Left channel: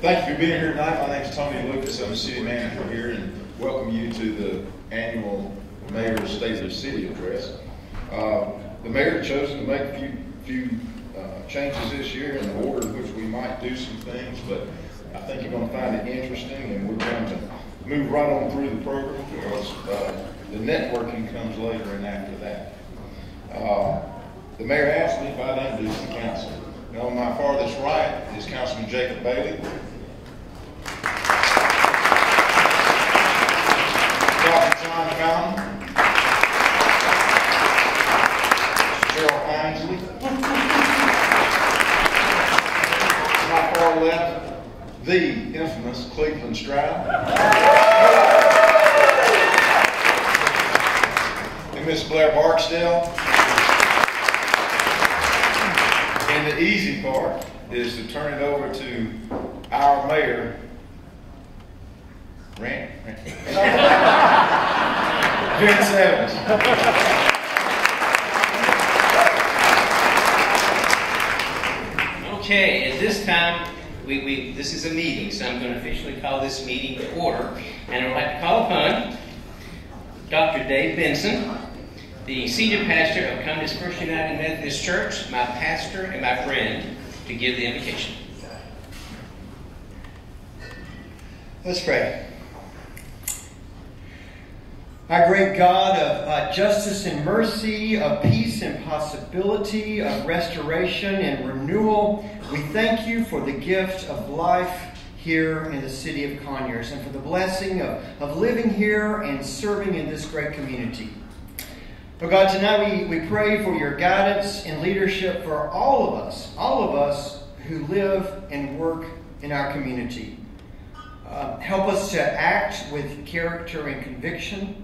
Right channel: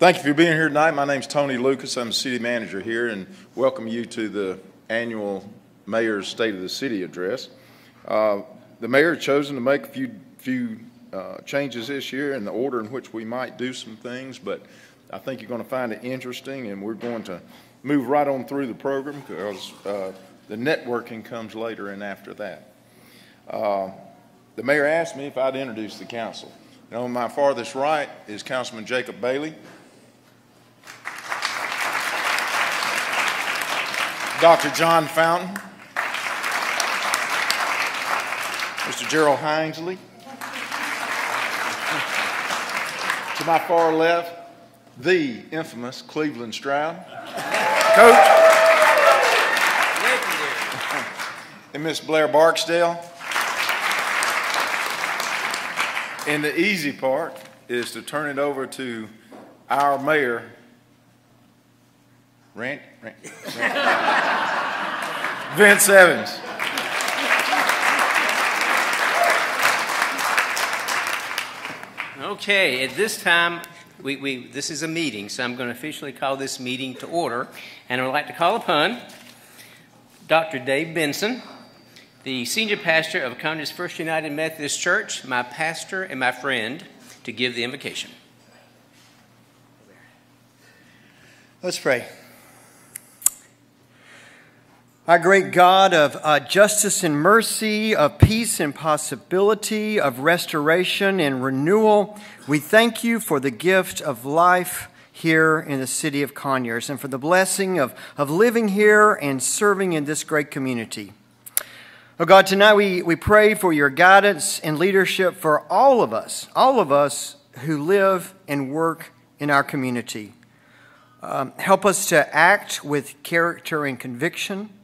Thank you for being here tonight. My name is Tony Lucas. I'm the city manager here, and welcome you to the annual Mayor's State of the City address. The mayor has chosen to make a few changes this year in the order in which we might do some things, but I think you're going to find it interesting, and we're going to move right on through the program because the networking comes later and after that. The mayor asked me if I'd introduce the council. Now, on my farthest right is Councilman Jacob Bailey, Dr. John Fountain, Mr. Gerald Hinesley. To my far left, the infamous Cleveland Stroud, Coach, and Miss Blair Barksdale. And the easy part is to turn it over to our mayor, Vince Evans. Okay, at this time, this is a meeting, so I'm going to officially call this meeting to order. And I'd like to call upon Dr. Dave Benson, the senior pastor of Conyers First United Methodist Church, my pastor and my friend, to give the invocation. Let's pray. Our great God of justice and mercy, of peace and possibility, of restoration and renewal, we thank you for the gift of life here in the city of Conyers and for the blessing of living here and serving in this great community. Oh God, tonight we pray for your guidance and leadership for all of us who live and work in our community. Help us to act with character and conviction.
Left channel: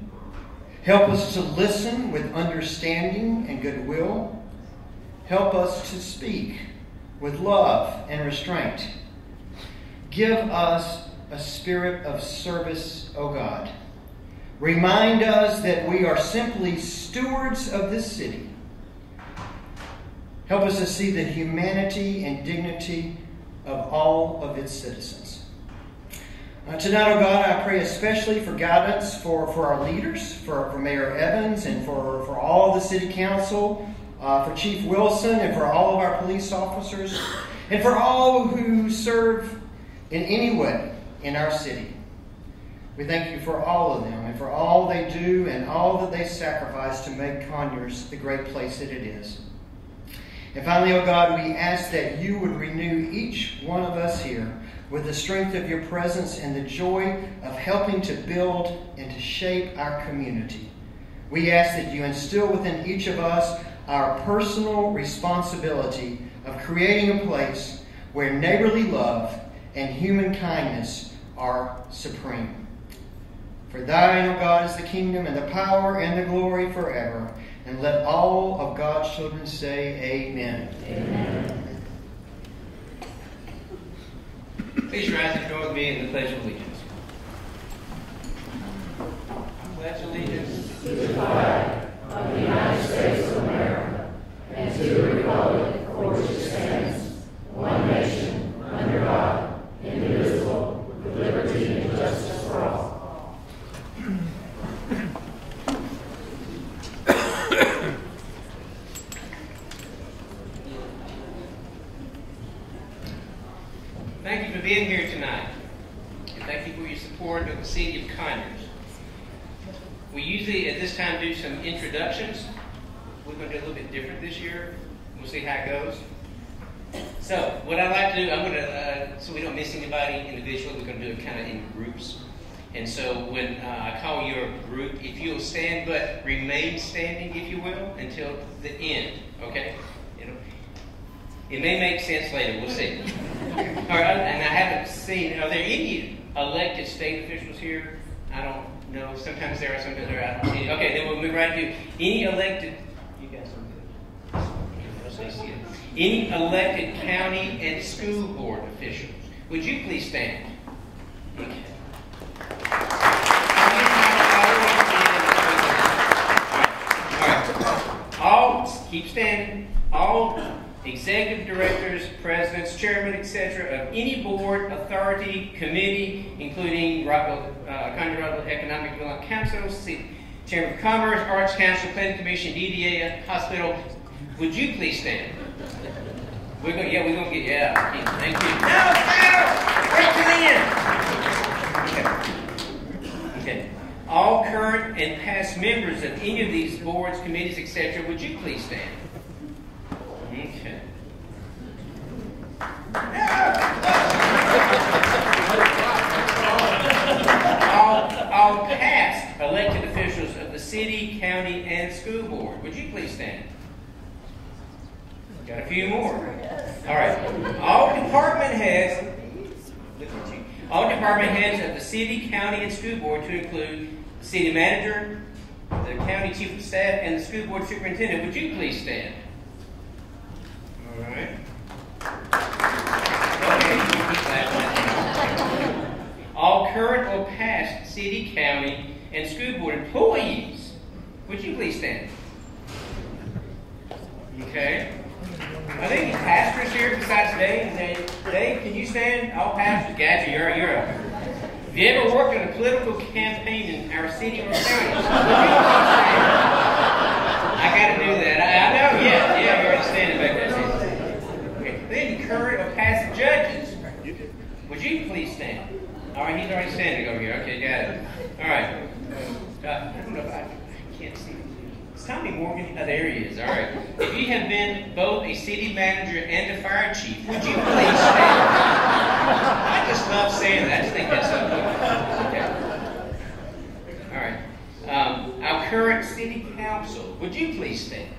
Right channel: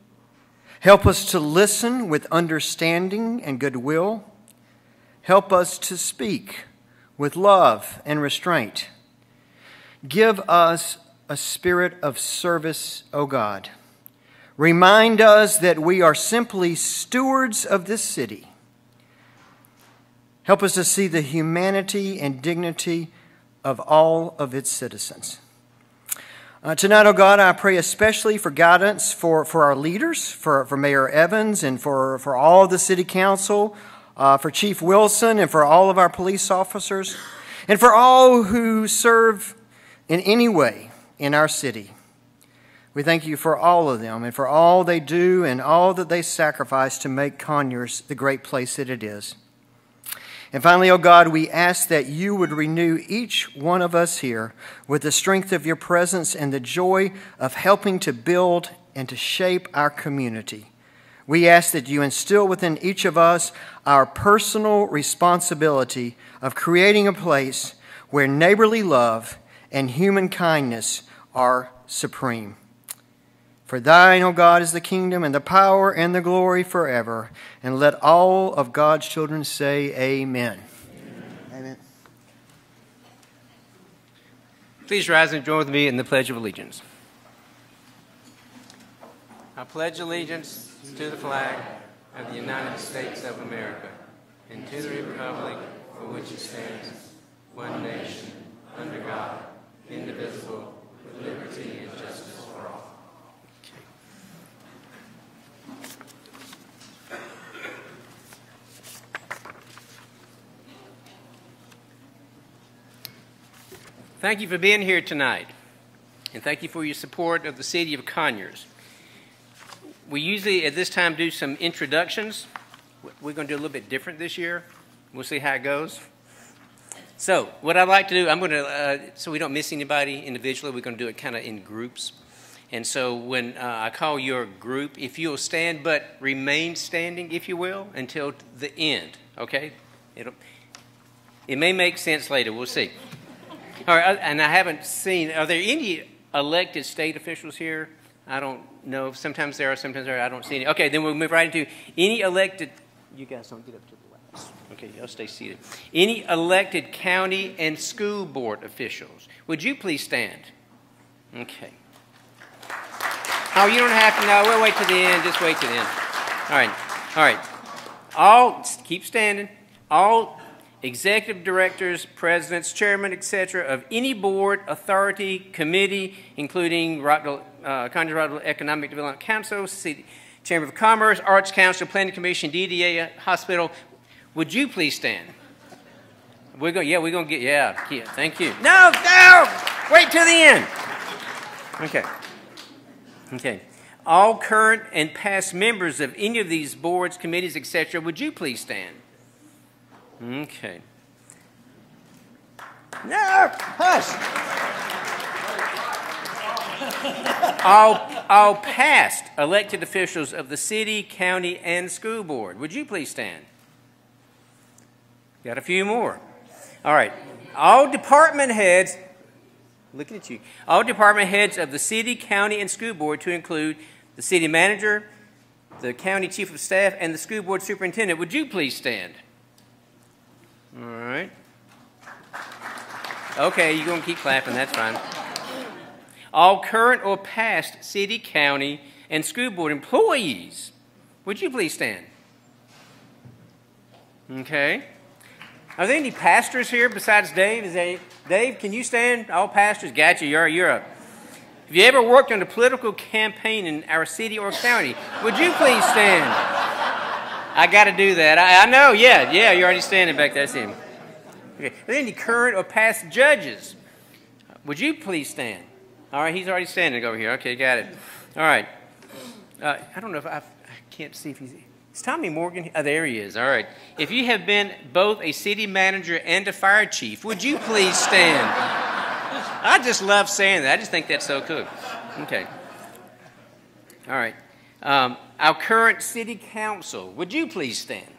Help us to listen with understanding and goodwill. Help us to speak with love and restraint. Give us a spirit of service, O God. Remind us that we are simply stewards of this city. Help us to see the humanity and dignity of all of its citizens. Tonight, oh God, I pray especially for guidance for our leaders, for Mayor Evans and for all the city council, for Chief Wilson and for all of our police officers, and for all who serve in any way in our city. We thank you for all of them and for all they do and all that they sacrifice to make Conyers the great place that it is. And finally, oh God, we ask that you would renew each one of us here with the strength of your presence and the joy of helping to build and to shape our community. We ask that you instill within each of us our personal responsibility of creating a place where neighborly love and human kindness are supreme. For thine, O God, is the kingdom and the power and the glory forever. And let all of God's children say amen. Amen. Please rise and join with me in the Pledge of Allegiance. I pledge allegiance to the flag of the United States of America and to the republic for which it stands, one nation, under God, indivisible, with liberty and justice for all. Thank you for being here tonight, and thank you for your support of the city of Conyers. We usually at this time do some introductions. We're going to do a little bit different this year. We'll see how it goes. So what I'd like to do, I'm going to, so we don't miss anybody individually, we're going to do it kind of in groups. And so when I call your group, if you'll stand, but remain standing, if you will, until the end, okay? It may make sense later, we'll see. All right, and I haven't seen, are there any elected state officials here? I don't know. Sometimes there are, sometimes there are. I don't see any. Okay, then we'll move right to any elected, you guys don't do it. Okay, I'll stay seated. Any elected county and school board officials. Would you please stand? Okay. Oh, you don't have to, no, we'll wait to the end. Just wait to the end. All right. All, keep standing. All executive directors, presidents, chairmen, etc., of any board, authority, committee, including Conyers Rockville Economic Development Council, Chamber of Commerce, Arts Council, Planning Commission, DDA, hospital. Would you please stand? We're going to get, thank you. No, wait till the end. Okay. All current and past members of any of these boards, committees, etc., would you please stand? Okay. All past elected officials of the city, county, and school board, would you please stand? Got a few more. All right. All department heads, look at you. All department heads of the city, county, and school board, to include the city manager, the county chief of staff, and the school board superintendent, would you please stand? All right. Okay, you can keep clapping, that's fine. All current or past city, county, and school board employees, would you please stand? Okay. Are there any pastors here besides Dave? Dave, can you stand? All pastors? Gotcha. Have you ever worked on a political campaign in our city or county? Would you please stand? I got to do that. I know. Yeah. You're already standing back there. Okay. Are there any current or past judges? Would you please stand? All right. He's already standing over here. Okay. Got it. All right. I don't know if I can't see. It's Tommy Morgan. Oh, there he is. All right. If you have been both a city manager and a fire chief, would you please stand? I just love saying that. I just think that's so cool. Okay. All right. Our current city council, would you please stand?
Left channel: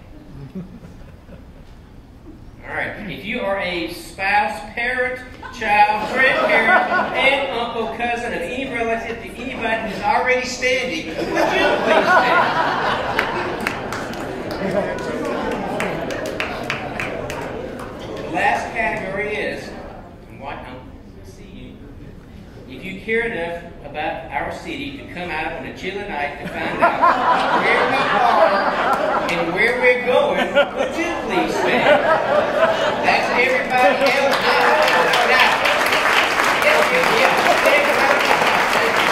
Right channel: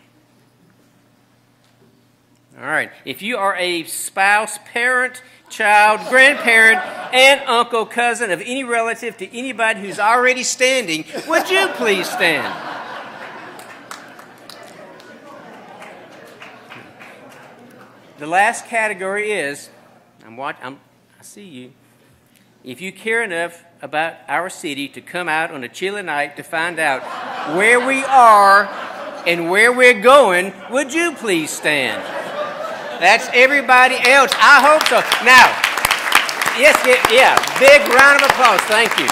All right. If you are a spouse, parent, child, grandparent, aunt, uncle, cousin of any relative to anybody who's already standing, would you please stand? The last category is, I see you. If you care enough about our city to come out on a chilly night to find out where we are and where we're going, would you please stand? That's everybody else. I hope so. Now, yes, big round of applause. Thank you.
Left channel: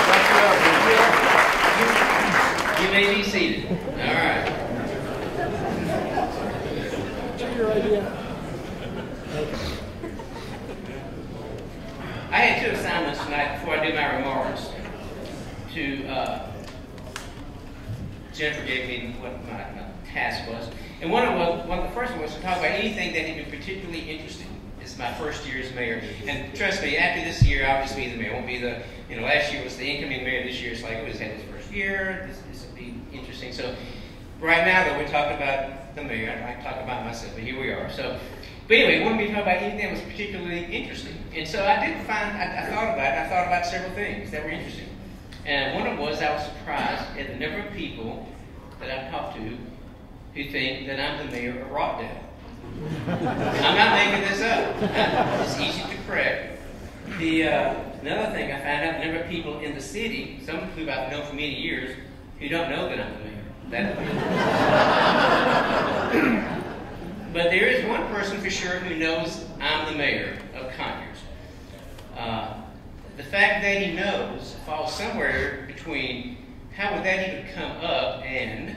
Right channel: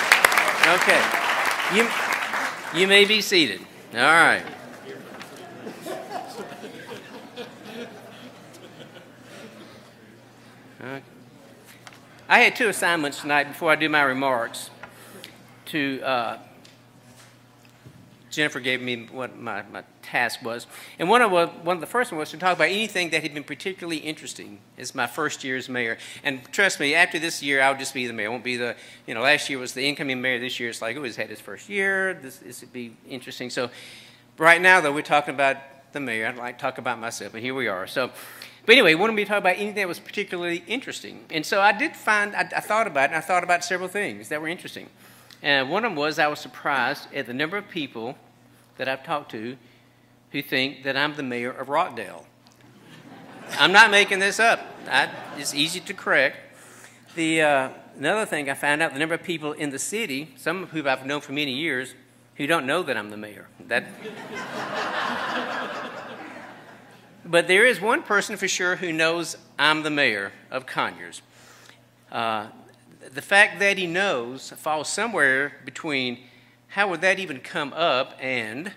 Okay. You may be seated. All right. I had two assignments tonight before I do my remarks. Jennifer gave me what my task was. And one of the first one was to talk about anything that had been particularly interesting. It's my first year as mayor. And trust me, after this year, I'll just be the mayor. I won't be last year was the incoming mayor. This year it's like, he's had his first year. This would be interesting. So right now, though, we're talking about the mayor. I'd like to talk about myself, but here we are. But anyway, he wanted me to talk about anything that was particularly interesting. And so I thought about it, and I thought about several things that were interesting. And one of them was I was surprised at the number of people that I've talked to who think that I'm the mayor of Rockdale. I'm not making this up. It's easy to correct. Another thing I found out, the number of people in the city, some of whom I've known for many years, who don't know that I'm the mayor. But there is one person for sure who knows I'm the mayor of Conyers. The fact that he knows falls somewhere between how would that even come up and,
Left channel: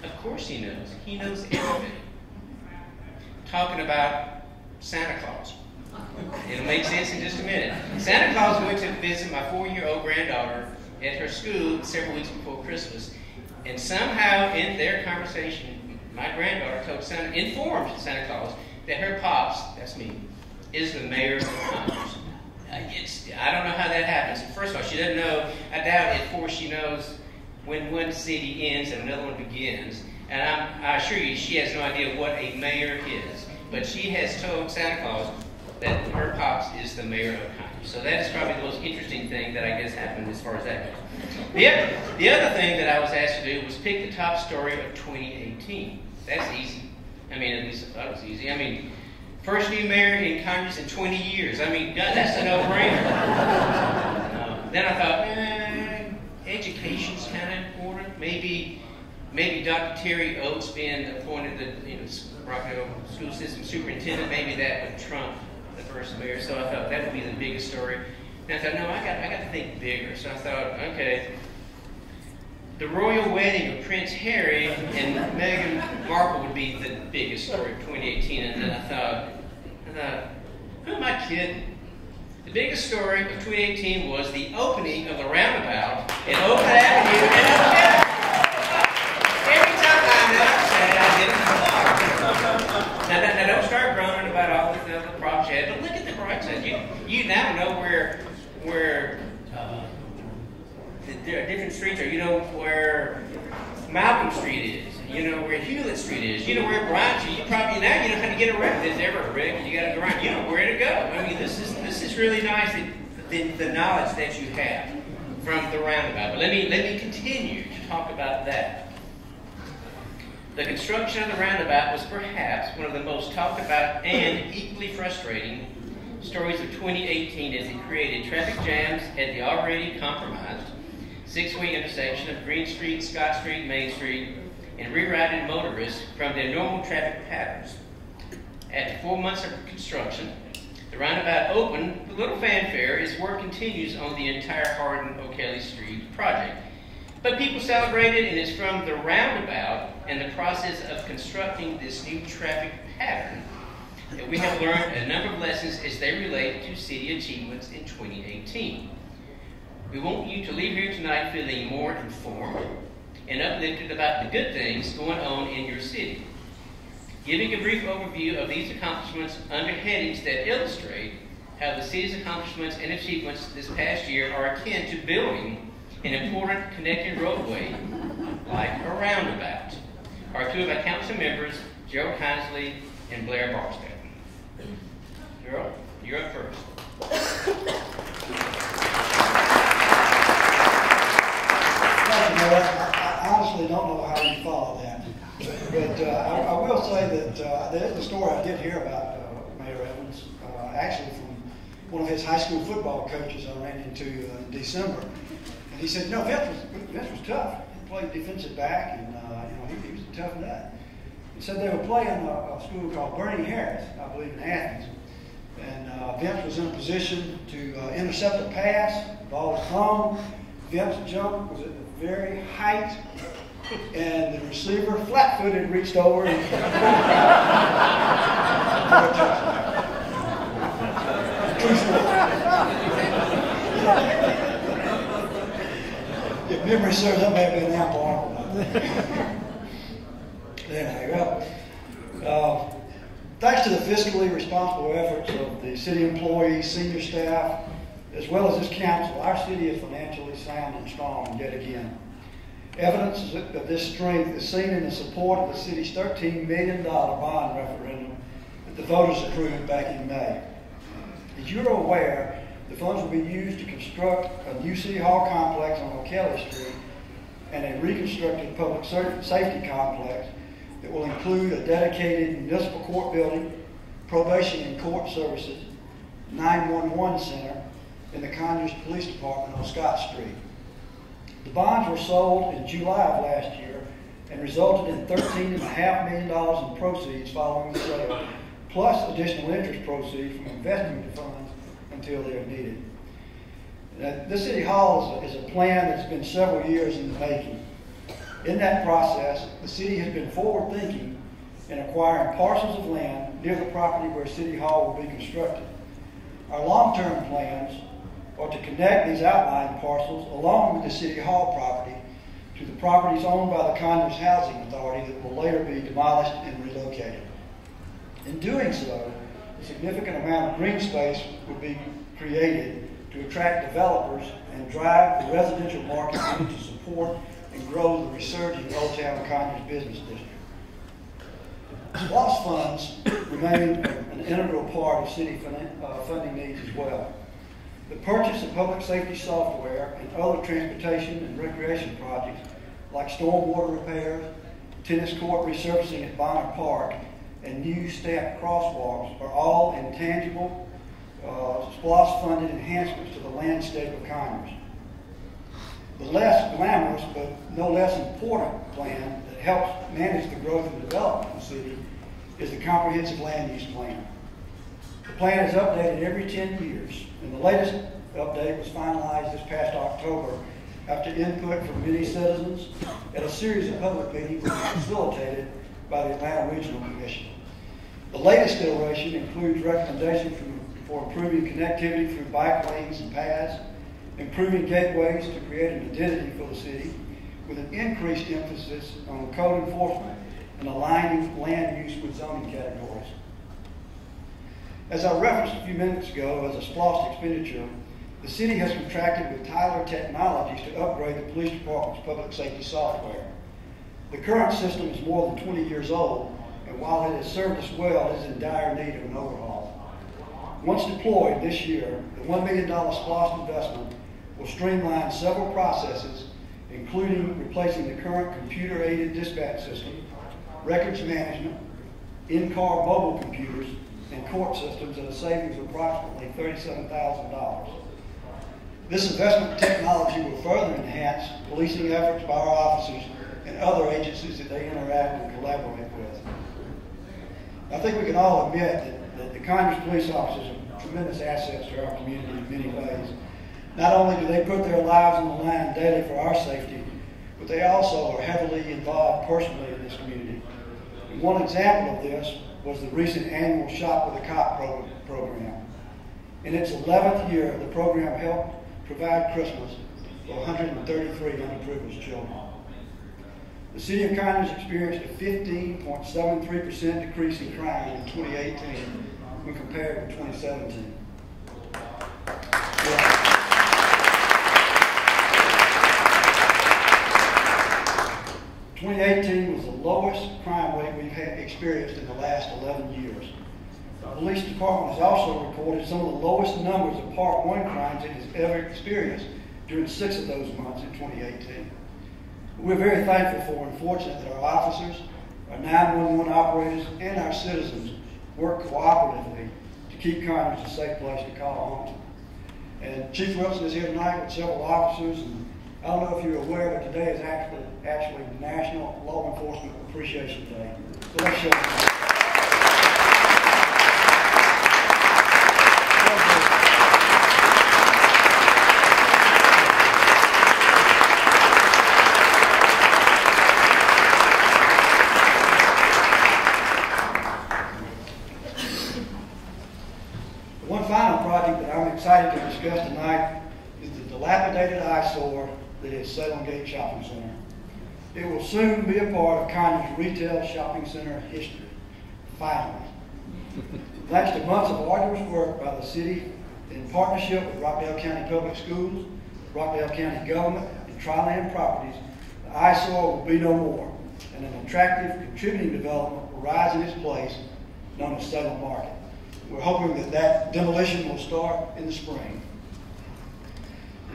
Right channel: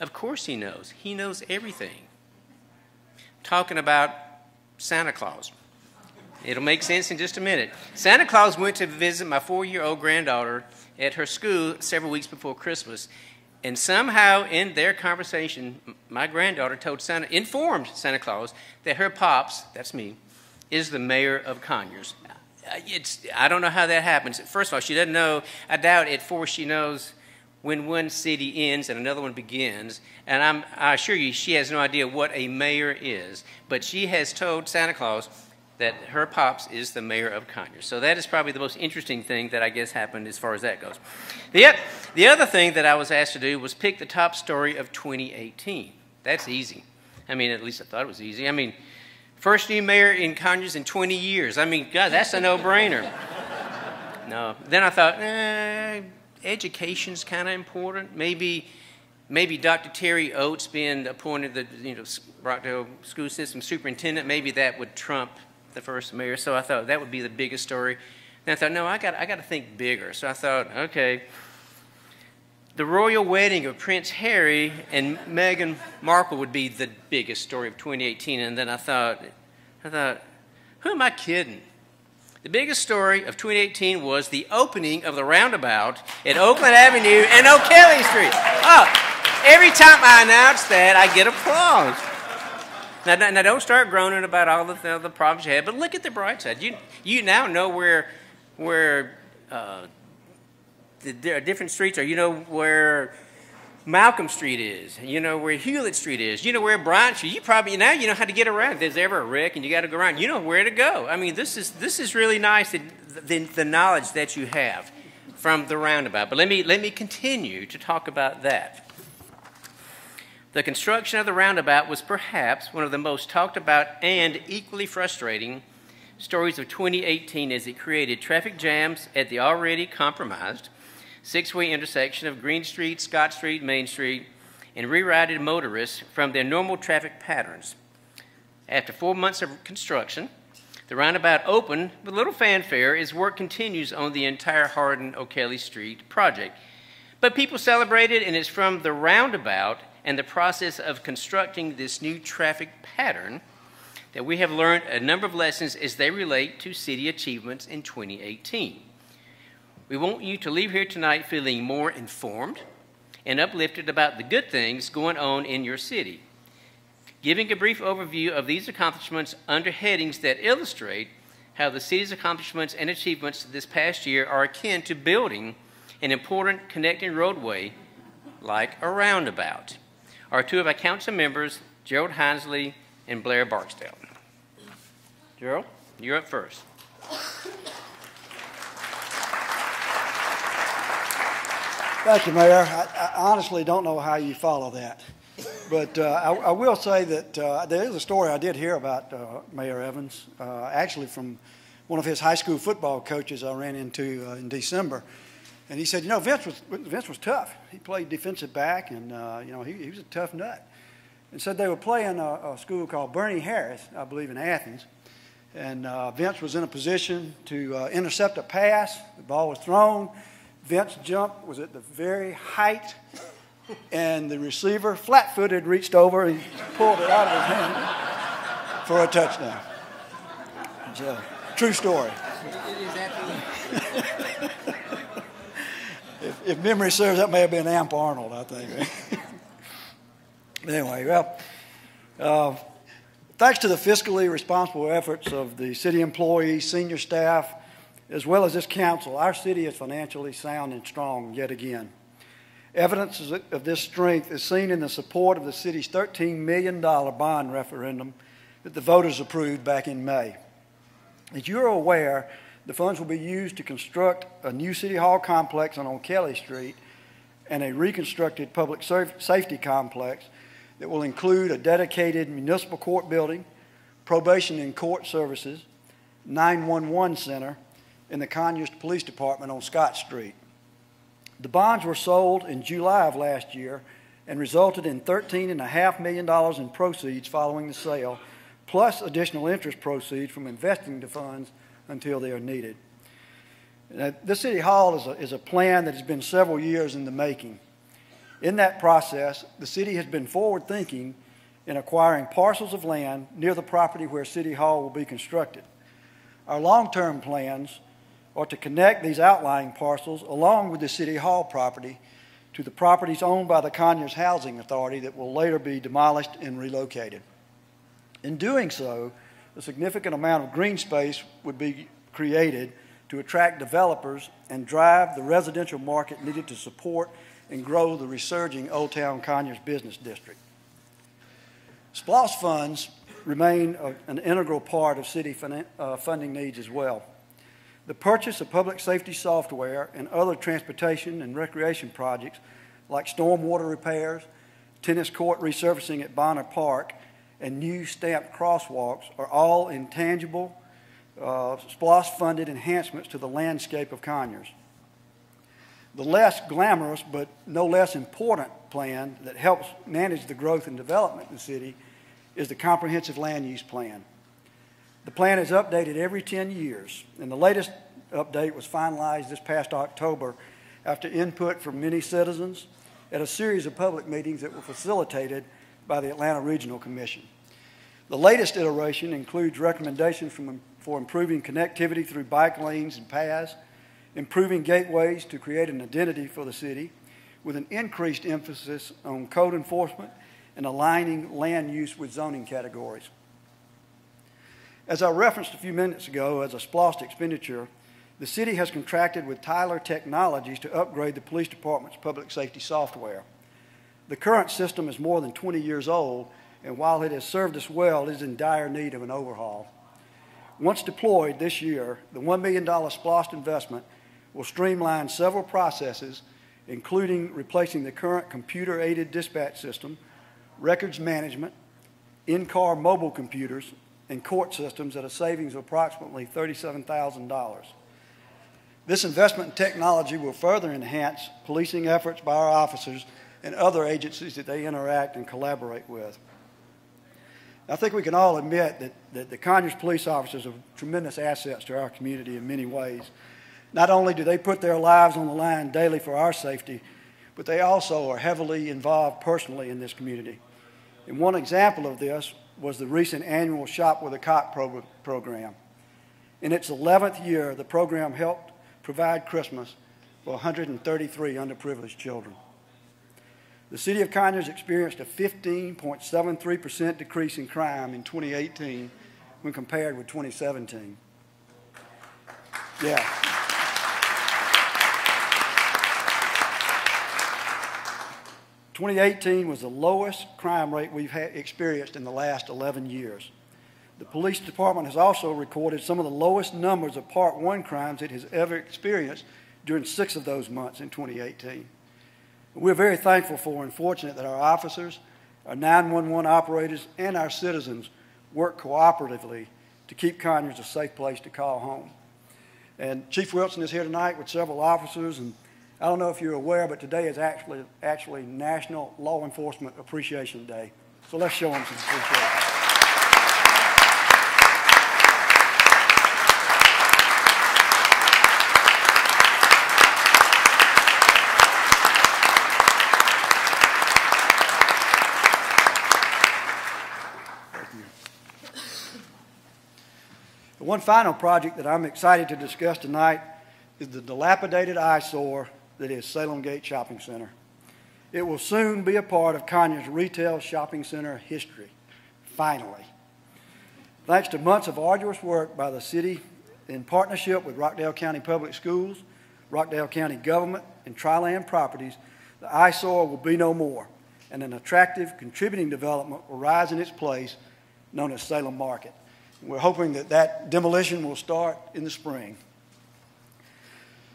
of course he knows. He knows everything. Talking about Santa Claus. It'll make sense in just a minute. Santa Claus went to visit my 4-year-old granddaughter at her school several weeks before Christmas. And somehow in their conversation, my granddaughter informed Santa Claus that her pops, that's me, is the mayor of Conyers. I don't know how that happens. First of all, she doesn't know. I doubt at 4 she knows when one city ends and another one begins. And I assure you, she has no idea what a mayor is. But she has told Santa Claus that her pops is the mayor of Conyers. So that is probably the most interesting thing that I guess happened as far as that goes. The other thing that I was asked to do was pick the top story of 2018. That's easy. I mean, at least I thought it was easy. I mean, first new mayor in Conyers in 20 years. I mean, God, that's a no-brainer. No. Then I thought, education's kind of important. Maybe maybe Dr. Terry Oates being appointed the Rockdale School System Superintendent, maybe that would trump the first mayor. So I thought that would be the biggest story. And I thought, no, I got to think bigger. So I thought, okay, the royal wedding of Prince Harry and Meghan Markle would be the biggest story of 2018. And then I thought, who am I kidding? The biggest story of 2018 was the opening of the roundabout at Oakland Avenue and O'Kelly Street. Oh, every time I announce that, I get applause. Now don't start groaning about all the problems you had, but look at the bright side. You now know where there are different streets, or you know where Malcolm Street is, you know where Hewlett Street is, you know where Bryant Street. You now know how to get around. If there's ever a wreck and you got to go around, you know where to go. I mean, this is really nice, the knowledge that you have from the roundabout. But let me continue to talk about that. The construction of the roundabout was perhaps one of the most talked about and equally frustrating stories of 2018, as it created traffic jams at the already compromised six-way intersection of Green Street, Scott Street, Main Street, and rerouted motorists from their normal traffic patterns. After 4 months of construction, the roundabout opened with little fanfare as work continues on the entire Hardin-O'Kelly Street project. But people celebrated, and it's from the roundabout and the process of constructing this new traffic pattern that we have learned a number of lessons as they relate to city achievements in 2018. We want you to leave here tonight feeling more informed and uplifted about the good things going on in your city. Giving a brief overview of these accomplishments under headings that illustrate how the city's accomplishments and achievements this past year are akin to building an important connecting roadway like a roundabout. Our two of our council members, Gerald Hinesley and Blair Barksdale. Gerald, you're up first. Thank you, Mayor. I honestly don't know how you follow that. But I will say that there is a story I did hear about Mayor Evans, actually from one of his high school football coaches I ran into in December. And he said, Vince was tough. He played defensive back, and he was a tough nut. And said they were playing a school called Bernie Harris, I believe, in Athens. And Vince was in a position to intercept a pass. The ball was thrown. Vince jump was at the very height, and the receiver, flat-footed, reached over and pulled it out for a touchdown. True story. If memory serves, that may have been Amp Arnold, I think. Anyway, thanks to the fiscally responsible efforts of the city employees, senior staff, as well as this council, our city is financially sound and strong yet again. Evidence of this strength is seen in the support of the city's $13 million bond referendum that the voters approved back in May. As you're aware, the funds will be used to construct a new City Hall complex on O'Kelly Street and a reconstructed public safety complex that will include a dedicated municipal court building, probation and court services, 911 center, and the Conyers Police Department on Scott Street. The bonds were sold in July of last year and resulted in $13.5 million in proceeds following the sale, plus additional interest proceeds from investing the funds until they are needed. This City Hall is a plan that's been several years in the making. In that process, the city has been forward-thinking in acquiring parcels of land near the property where City Hall will be constructed. Our long-term plans are to connect these outlying parcels along with the City Hall property to the properties owned by the Conyers Housing Authority that will later be demolished and relocated. In doing so, a significant amount of green space would be created to attract developers and drive the residential market needed to support and grow the resurging Old Town Conyers business district. SPLOST funds remain an integral part of city funding needs as well. The purchase of public safety software and other transportation and recreation projects like stormwater repairs, tennis court resurfacing at Bonner Park, and new staffed crosswalks are all intangible, SPLOST-funded enhancements to the landscape of Conyers. The less glamorous but no less important plan that helps manage the growth and development of the city is the Comprehensive Land Use Plan. The plan is updated every 10 years, and the latest update was finalized this past October after input from many citizens at a series of public meetings that were facilitated by the Atlanta Regional Commission. The latest iteration includes recommendations for improving connectivity through bike lanes and paths, improving gateways to create an identity for the city, with an increased emphasis on code enforcement and aligning land use with zoning categories. As I referenced a few minutes ago as a SPLOST expenditure, the city has contracted with Tyler Technologies to upgrade the police department's public safety software. The current system is more than 20 years old, and while it has served us well, it is in dire need of an overhaul. Once deployed this year, the $1 million SPLOST investment will streamline several processes, including replacing the current computer-aided dispatch system, records management, in-car mobile computers, and court systems at a savings of approximately $37,000. This investment in technology will further enhance policing efforts by our officers and other agencies that they interact and collaborate with. I think we can all admit that the Conyers police officers are tremendous assets to our community in many ways. Not only do they put their lives on the line daily for our safety, but they also are heavily involved personally in this community. And one example of this was the recent annual Shop with a Cop program. In its 11th year, the program helped provide Christmas for 133 underprivileged children. The city of Conyers experienced a 15.73% decrease in crime in 2018 when compared with 2017. Yeah. 2018 was the lowest crime rate we've experienced in the last 11 years. The police department has also recorded some of the lowest numbers of Part 1 crimes it has ever experienced during 6 of those months in 2018. We're very thankful for and fortunate that our officers, our 911 operators, and our citizens work cooperatively to keep Conyers a safe place to call home. And Chief Wilson is here tonight with several officers, and I don't know if you're aware, but today is actually National Law Enforcement Appreciation Day. So let's show them. One final project that I'm excited to discuss tonight is the dilapidated eyesore that is Salem Gate Shopping Center. It will soon be a part of Conyers retail shopping center history, finally. Thanks to months of arduous work by the city in partnership with Rockdale County Public Schools, Rockdale County Government, and Tri-Land Properties, the eyesore will be no more, and an attractive contributing development will rise in its place, known as Salem Market. We're hoping that demolition will start in the spring.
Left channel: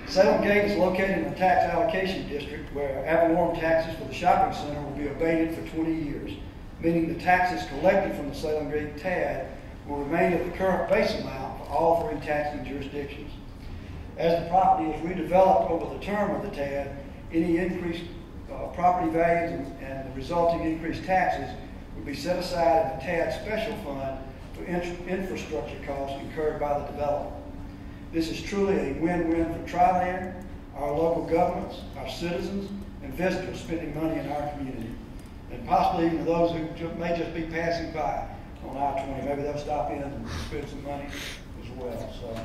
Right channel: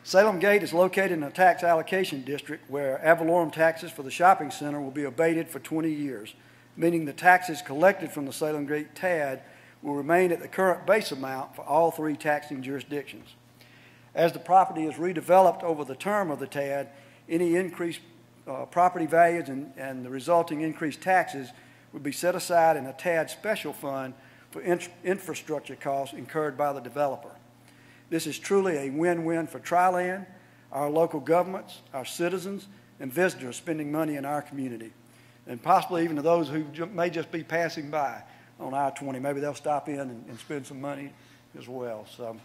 Salem Gate is located in a tax allocation district where ad valorem taxes for the shopping center will be abated for 20 years, meaning the taxes collected from the Salem Gate TAD will remain at the current base amount for all 3 taxing jurisdictions. As the property is redeveloped over the term of the TAD, any increased property values and the resulting increased taxes will be set aside in the TAD special fund for infrastructure costs incurred by the developer. This is truly a win-win for Tri-Land, our local governments, our citizens, and visitors spending money in our community, and possibly even to those who may just be passing by on I-20. Maybe they'll stop in and spend some money as well. So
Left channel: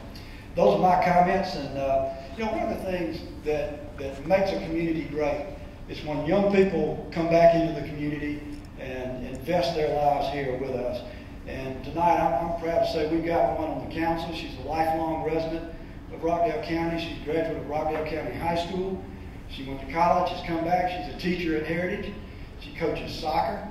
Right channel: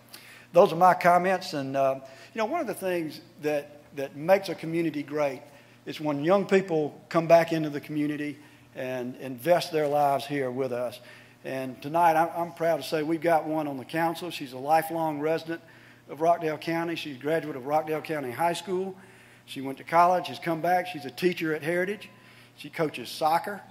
those are my comments. And one of the things that makes a community great is when young people come back into the community and invest their lives here with us. And tonight, I'm proud to say we've got one on the council. She's a lifelong resident of Rockdale County. She's a graduate of Rockdale County High School. She went to college. She's come back. She's a teacher at Heritage. She coaches soccer.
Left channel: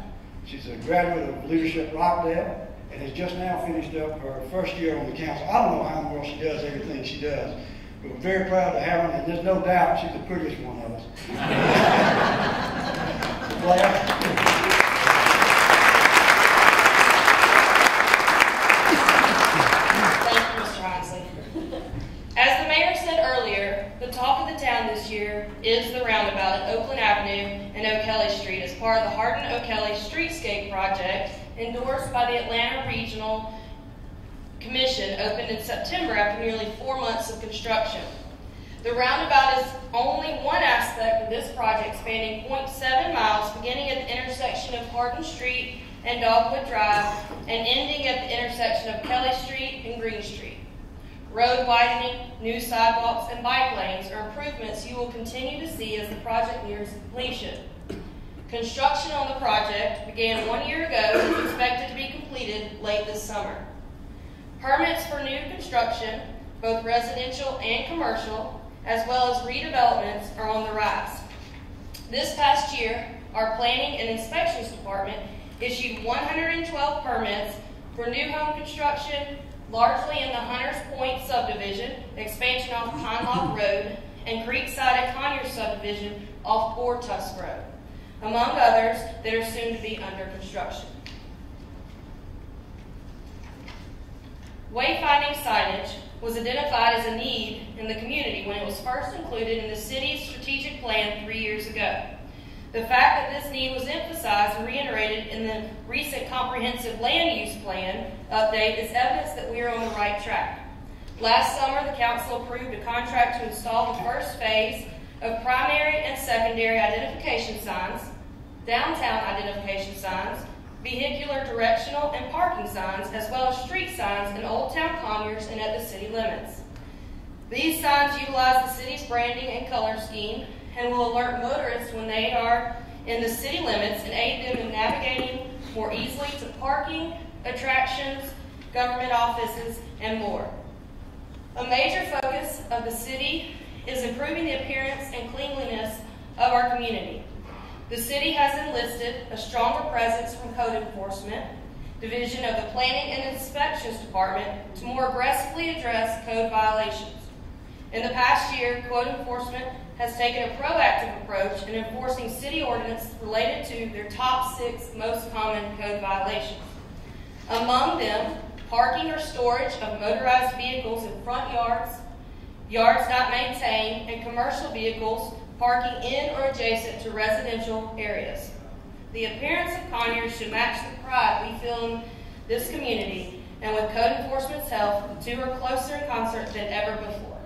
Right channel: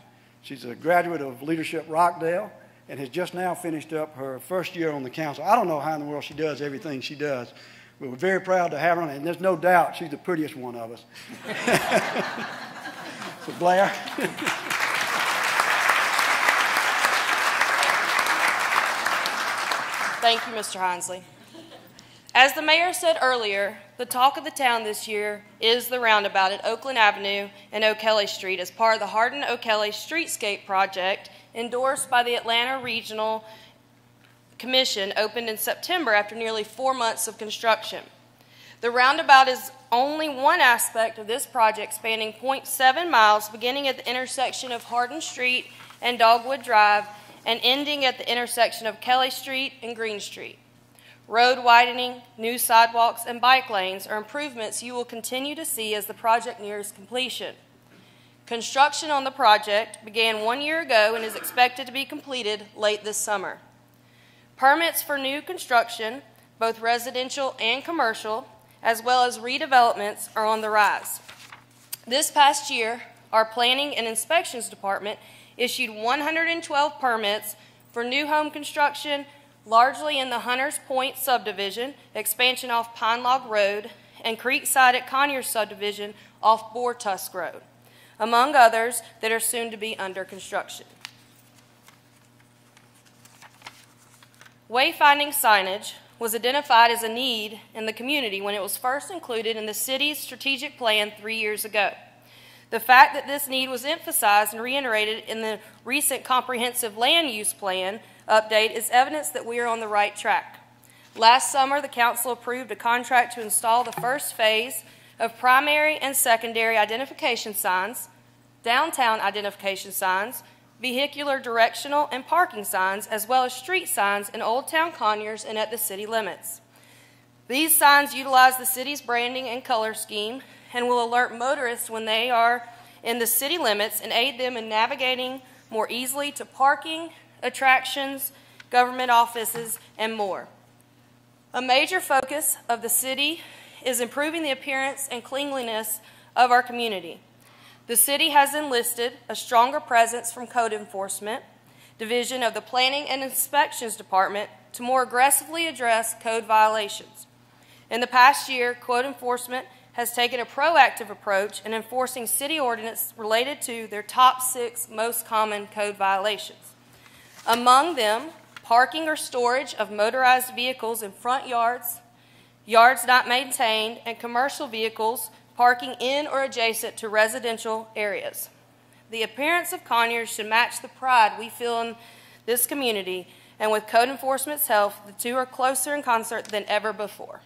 She's a graduate of Leadership Rockdale and has just now finished up her first year on the council. I don't know how in the world she does everything she does, but we're very proud to have her, and there's no doubt she's the prettiest one of us. Blair? Thank you, Mr. Hinsley. As the the mayor said earlier, the talk of the town this year is the roundabout at Oakland Avenue and O'Kelly Street as part of the Hardin O'Kelly Streetscape project endorsed by the Atlanta Regional Commission, opened in September after nearly 4 months of construction. The roundabout is only one aspect of this project, spanning 0.7 miles, beginning at the intersection of Hardin Street and Dogwood Drive and ending at the intersection of Kelly Street and Green Street. Road widening, new sidewalks, and bike lanes are improvements you will continue to see as the project nears completion. Construction on the project began 1 year ago and is expected to be completed late this summer. Permits for new construction, both residential and commercial, as well as redevelopments, are on the rise. This past year, our Planning and Inspections Department issued 112 permits for new home construction, largely in the Hunters Point subdivision, expansion off Pine Log Road, and Creekside at Conyers subdivision off Boar Tusk Road, among others that are soon to be under construction. Wayfinding signage was identified as a need in the community when it was first included in the city's strategic plan 3 years ago. The fact that this need was emphasized and reiterated in the recent comprehensive land use plan update is evidence that we are on the right track. Last summer, the council approved a contract to install the first phase of primary and secondary identification signs, downtown identification signs, vehicular directional and parking signs, as well as street signs in Old Town Conyers and at the city limits. These signs utilize the city's branding and color scheme and will alert motorists when they are in the city limits and aid them in navigating more easily to parking, attractions, government offices, and more. A major focus of the city is improving the appearance and cleanliness of our community. The city has enlisted a stronger presence from Code Enforcement Division of the Planning and Inspections Department to more aggressively address code violations. In the past year, Code Enforcement has taken a proactive approach in enforcing city ordinance related to their top 6 most common code violations. Among them, parking or storage of motorized vehicles in front yards, yards not maintained, and commercial vehicles parking in or adjacent to residential areas. The appearance of Conyers should match the pride we feel in this community, and with Code Enforcement's help, the two are closer in concert than ever before.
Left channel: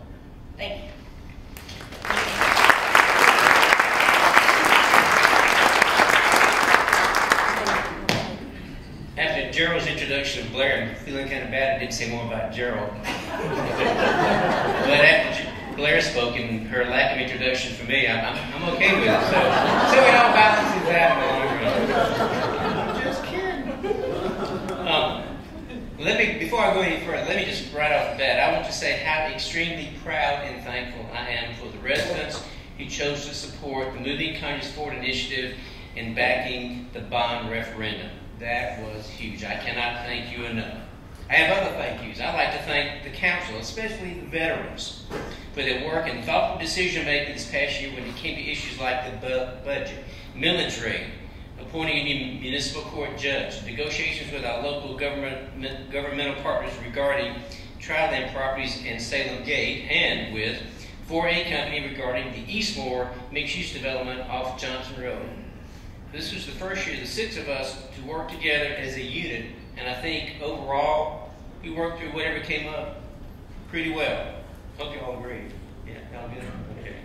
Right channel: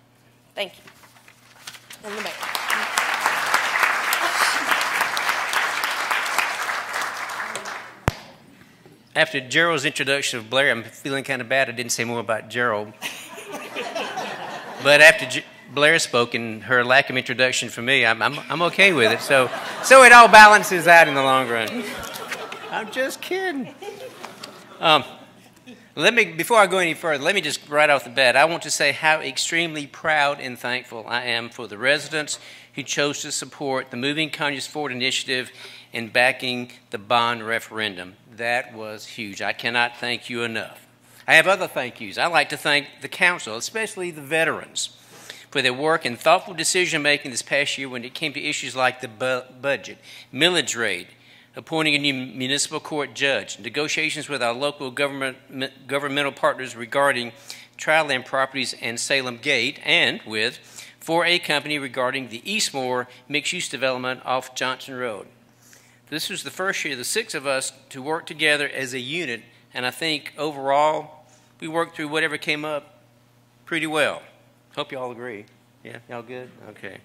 Thank you. After Gerald's introduction of Blair, I'm feeling kind of bad I didn't say more about Gerald. But after Blair spoke and her lack of introduction for me, I'm okay with it. So it all balances out in the long run. I'm just kidding. Before I go any further, let me just right off the bat, I want to say how extremely proud and thankful I am for the residents who chose to support the Moving Conyers Forward initiative in backing the bond referendum. That was huge. I cannot thank you enough. I have other thank yous. I'd like to thank the council, especially the veterans, for their work and thoughtful decision-making this past year when it came to issues like the budget, millage rate, appointing a new municipal court judge, negotiations with our local governmental partners regarding trial land properties and Salem Gate, and with 4A Company regarding the Eastmore mixed-use development off Johnson Road. This was the first year, the 6 of us, to work together as a unit, and I think overall we worked through whatever came up pretty well. Hope you all agree. Yeah, y'all good? Okay.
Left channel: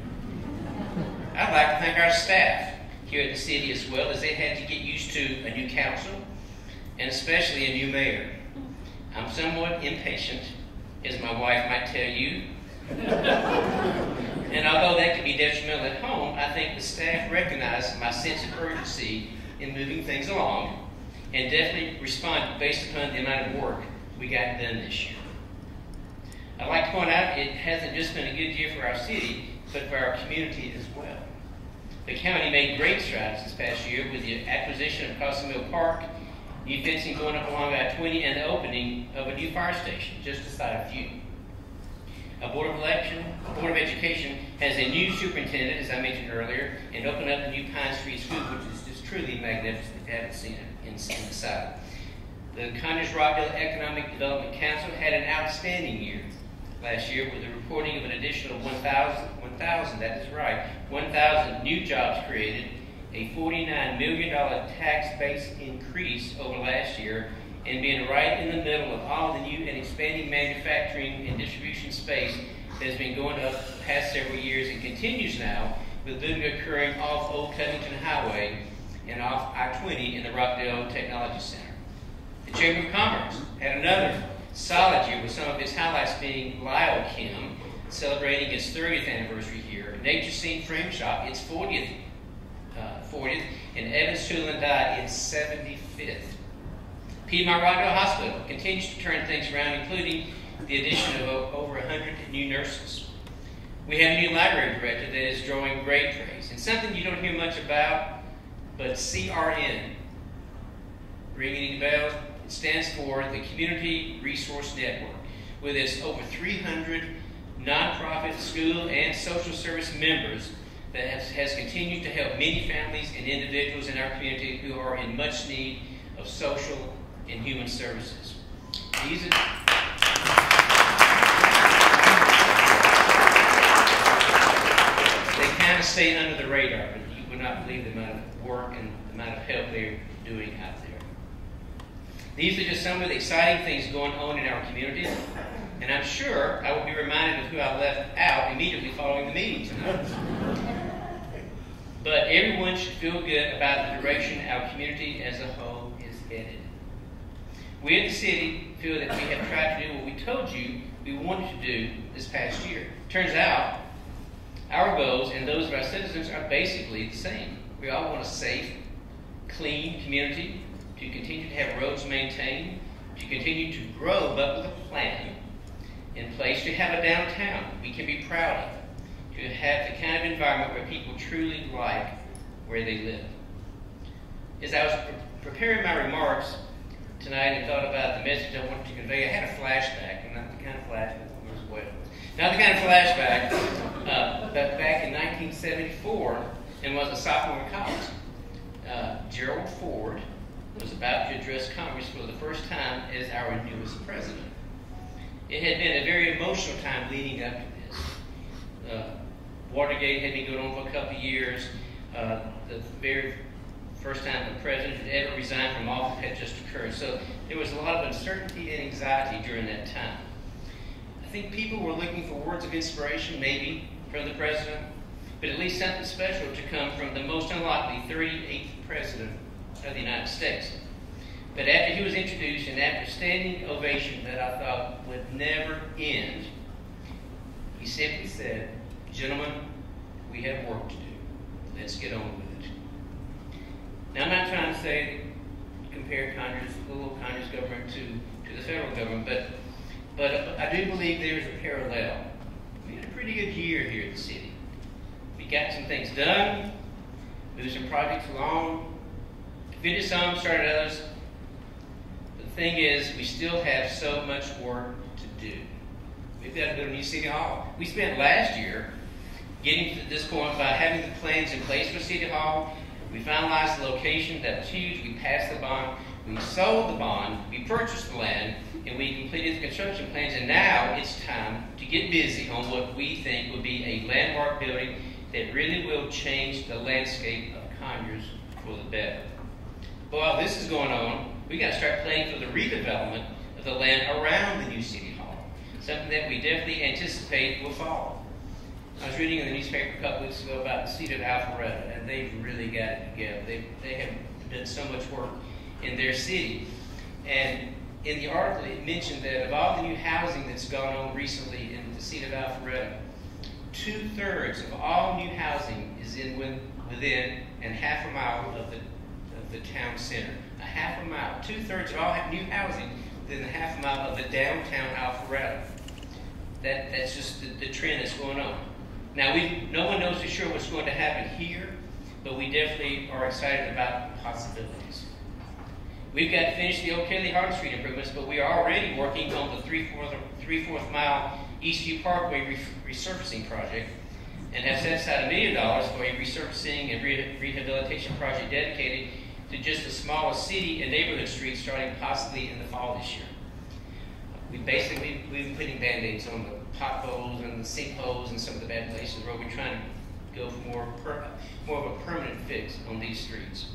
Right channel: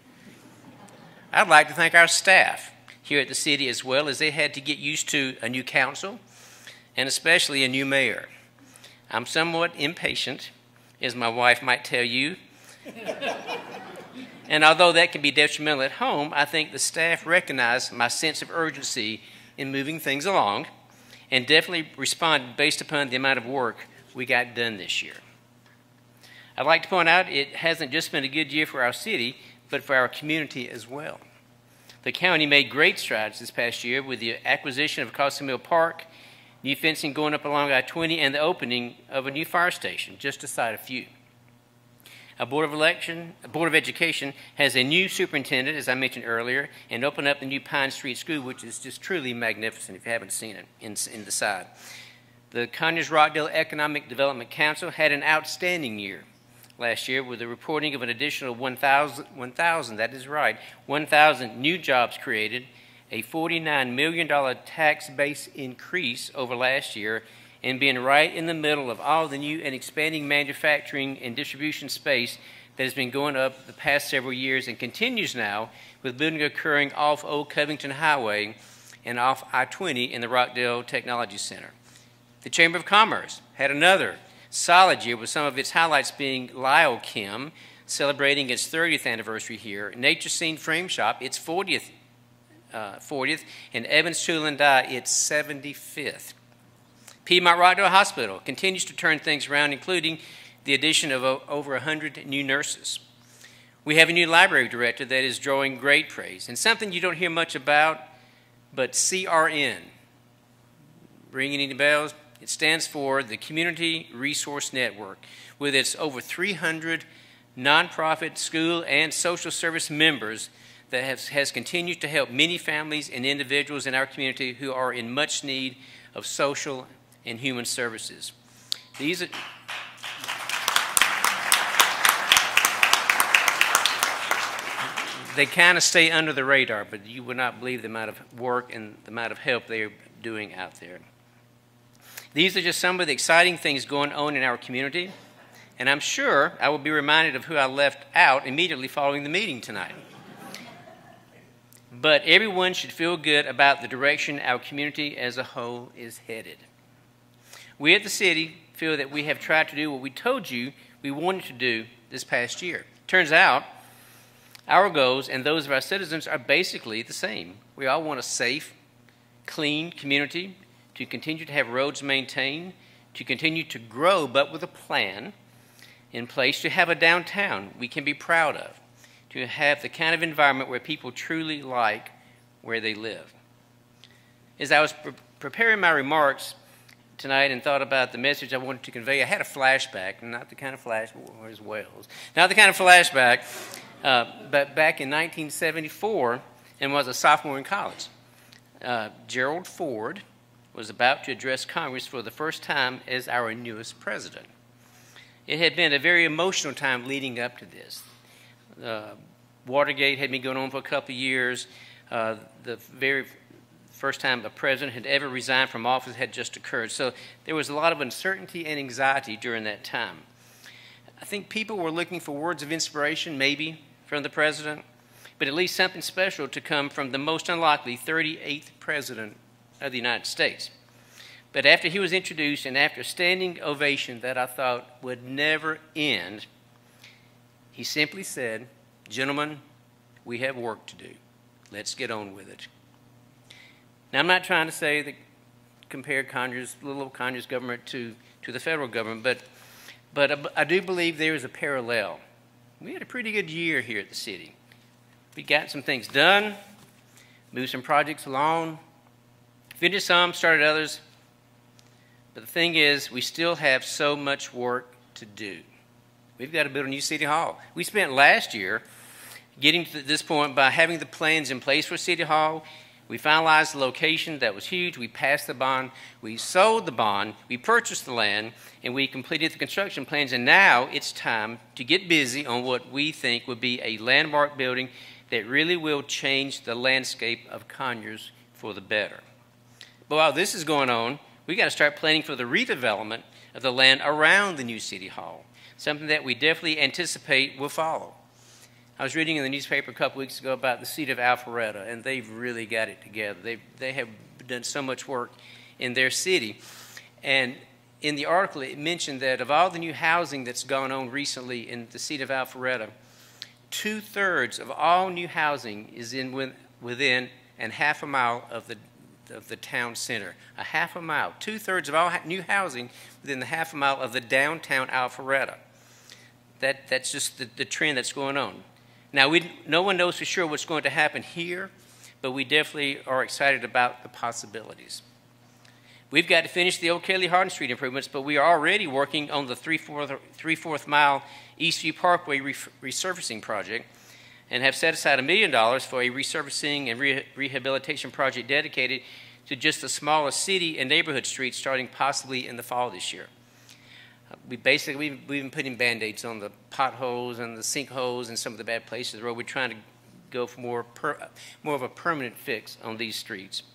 I'd like to thank our staff here at the city as well, as they had to get used to a new council and especially a new mayor. I'm somewhat impatient, as my wife might tell you. And although that can be detrimental at home, I think the staff recognized my sense of urgency in moving things along and definitely responded based upon the amount of work we got done this year. I'd like to point out it hasn't just been a good year for our city, but for our community as well. The county made great strides this past year with the acquisition of Costa Mill Park, new fencing going up along I-20, and the opening of a new fire station, just to cite a few. Our Board of Education has a new superintendent, as I mentioned earlier, and opened up the new Pine Street School, which is just truly magnificent if you haven't seen it in the side. The Conyers Rockdale Economic Development Council had an outstanding year, last year with the reporting of an additional 1,000, that is right, 1,000 new jobs created, a $49 million tax base increase over last year, and being right in the middle of all the new and expanding manufacturing and distribution space that has been going up the past several years and continues now, with building occurring off Old Covington Highway and off I-20 in the Rockdale Technology Center. The Chamber of Commerce had another solid year with some of its highlights being Lyle Kim celebrating its 30th anniversary here, Nature Scene Frame Shop its 40th, and Evans Tool and Die its 75th. Piedmont Rockdale Hospital continues to turn things around, including the addition of over 100 new nurses. We have a new library director that is drawing great praise, and something you don't hear much about, but CRN. Ringing any bells? It stands for the Community Resource Network, with its over 300 nonprofit, school, and social service members that has continued to help many families and individuals in our community who are in much need of social and human services. These are they kind of stay under the radar, but you would not believe the amount of work and the amount of help they're doing out there. These are just some of the exciting things going on in our community, and I'm sure I will be reminded of who I left out immediately following the meeting tonight. But everyone should feel good about the direction our community as a whole is headed. We at the city feel that we have tried to do what we told you we wanted to do this past year. Turns out, our goals and those of our citizens are basically the same. We all want a safe, clean community, to continue to have roads maintained, to continue to grow, but with a plan in place to have a downtown we can be proud of, to have the kind of environment where people truly like where they live. As I was preparing my remarks tonight and thought about the message I wanted to convey, I had a flashback, not the kind of flashback, where's Wells? Not the kind of flashback, but back in 1974, and was a sophomore in college. Gerald Ford was about to address Congress for the first time as our newest president. It had been a very emotional time leading up to this. Watergate had been going on for a couple of years. The very first time the president had ever resigned from office had just occurred. So there was a lot of uncertainty and anxiety during that time. I think people were looking for words of inspiration, maybe, from the president, but at least something special to come from the most unlikely 38th president of the United States. But after he was introduced and after a standing ovation that I thought would never end, he simply said, "Gentlemen, we have work to do. Let's get on with it." Now, I'm not trying to say that compare Conyers, little Conyers government to the federal government, but I do believe there is a parallel. We had a pretty good year here at the city. We got some things done, moved some projects along, finished some, started others. But the thing is, we still have so much work to do. We've got to build a new city hall. We spent last year getting to this point by having the plans in place for City Hall. We finalized the location. That was huge. We passed the bond. We sold the bond. We purchased the land. And we completed the construction plans. And now it's time to get busy on what we think would be a landmark building that really will change the landscape of Conyers for the better. But while this is going on, we got to start planning for the redevelopment of the land around the new City Hall, something that we definitely anticipate will follow. I was reading in the newspaper a couple weeks ago about the seat of Alpharetta, and they've really got it together. They have done so much work in their city. And in the article, it mentioned that of all the new housing that's gone on recently in the seat of Alpharetta, 2/3 of all new housing is within a half a mile of the town center. A half a mile. 2/3 of all new housing within the half a mile of the downtown Alpharetta. That's just the trend that's going on. Now, no one knows for sure what's going to happen here, but we definitely are excited about the possibilities. We've got to finish the Old Kelly Hardin Street improvements, but we are already working on the 3/4 mile Eastview Parkway resurfacing project and have set aside $1 million for a resurfacing and rehabilitation project dedicated to just the smallest city and neighborhood streets starting possibly in the fall this year. we've been putting Band-Aids on the potholes and the sinkholes and some of the bad places where we're trying to go for more of a permanent fix on these streets.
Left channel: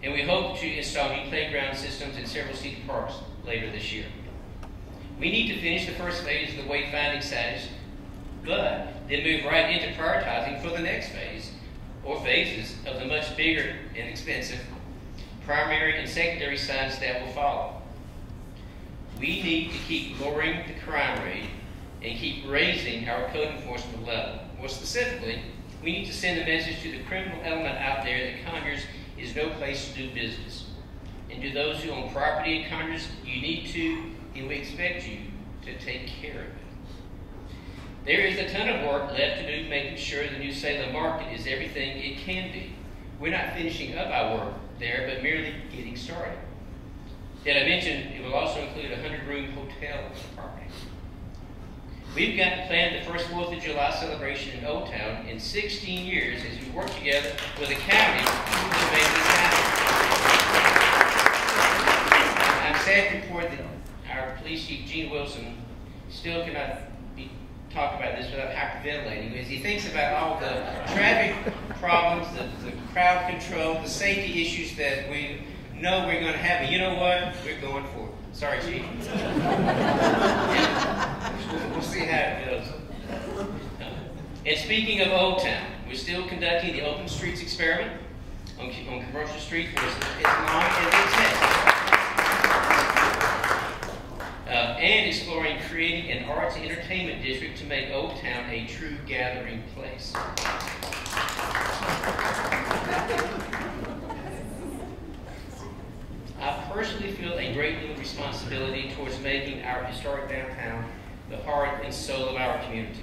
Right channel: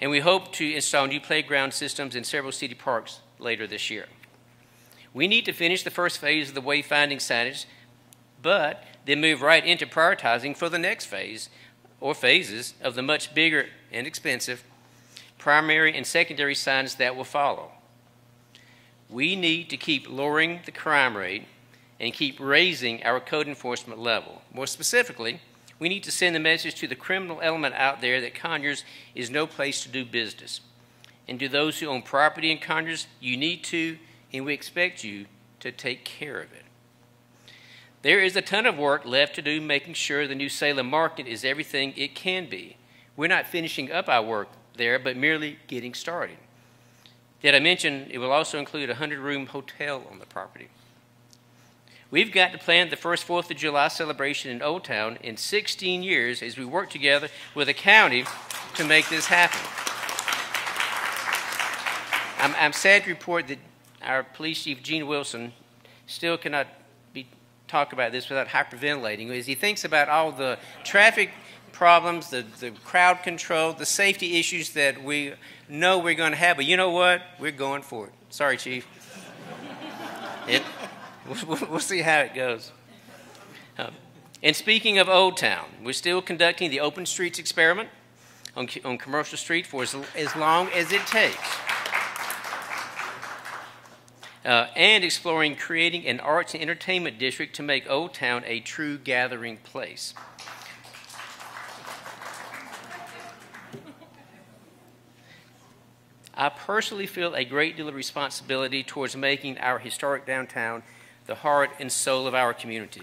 And we hope to install new playground systems in several city parks later this year. We need to finish the first phase of the wayfinding signage, but then move right into prioritizing for the next phase, or phases, of the much bigger and expensive primary and secondary signs that will follow. We need to keep lowering the crime rate and keep raising our code enforcement level. More specifically, we need to send a message to the criminal element out there that Conyers is no place to do business. And to those who own property in Conyers, you need to, and we expect you to take care of it. There is a ton of work left to do making sure the New Salem market is everything it can be. We're not finishing up our work there, but merely getting started. Did I mention it will also include a 100-room hotel on the property? We've got to plan the first 4th of July celebration in Old Town in 16 years as we work together with the county to make this happen. I'm sad to report that our police chief, Gene Wilson, still cannot talk about this without hyperventilating as he thinks about all the traffic problems, the crowd control, the safety issues that we know we're going to have. But you know what? We're going for it. Sorry, Chief. We'll see how it goes. And speaking of Old Town, we're still conducting the open streets experiment on commercial street for as long as it takes. And exploring creating an arts and entertainment district to make Old Town a true gathering place. I personally feel a great deal of responsibility towards making our historic downtown the heart and soul of our community.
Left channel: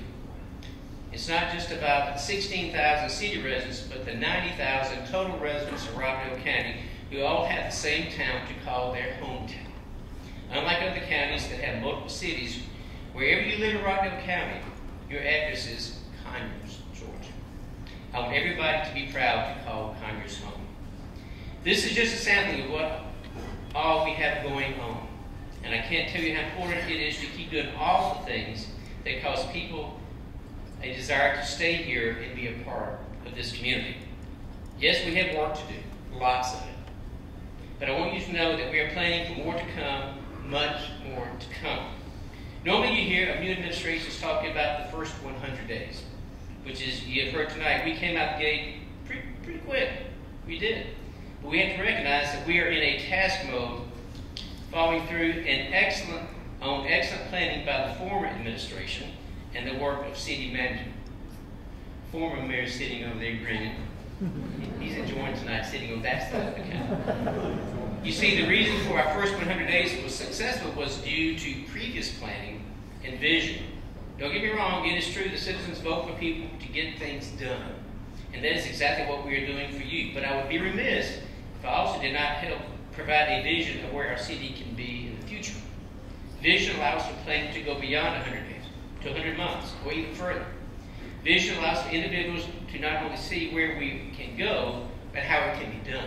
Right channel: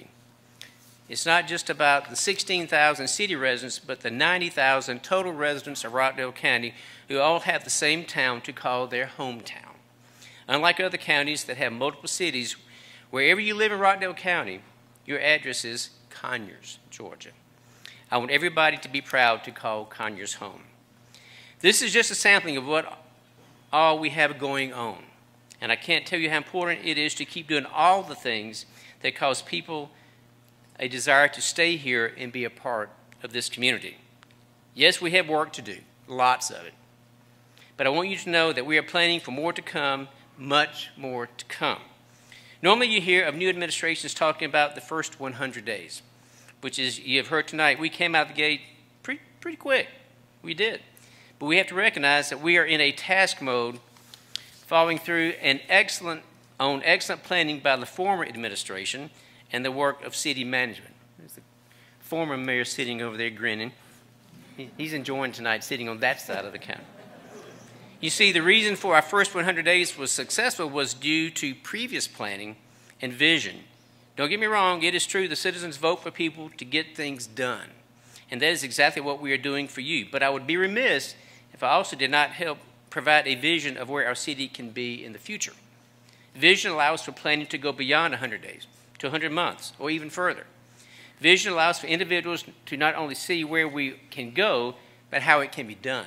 It's not just about the 16,000 city residents, but the 90,000 total residents of Rockdale County who all have the same town to call their hometown. Unlike other counties that have multiple cities, wherever you live in Rockdale County, your address is Conyers, Georgia. I want everybody to be proud to call Conyers home. This is just a sampling of what all we have going on. And I can't tell you how important it is to keep doing all the things that cause people a desire to stay here and be a part of this community. Yes, we have work to do, lots of it. But I want you to know that we are planning for more to come, much more to come. Normally you hear of new administrations talking about the first 100 days, which is, you have heard tonight, we came out the gate pretty quick. We did. But we have to recognize that we are in a task mode following through excellent planning by the former administration and the work of city management. Former mayor sitting over there grinning. He's enjoying tonight sitting on that side of the county. You see, the reason for our first 100 days was successful was due to previous planning and vision. Don't get me wrong, it is true the citizens vote for people to get things done. And that is exactly what we are doing for you. But I would be remiss if I also did not help provide a vision of where our city can be in the future. Vision allows for planning to go beyond 100 days, to 100 months, or even further. Vision allows for individuals to not only see where we can go, but how it can be done.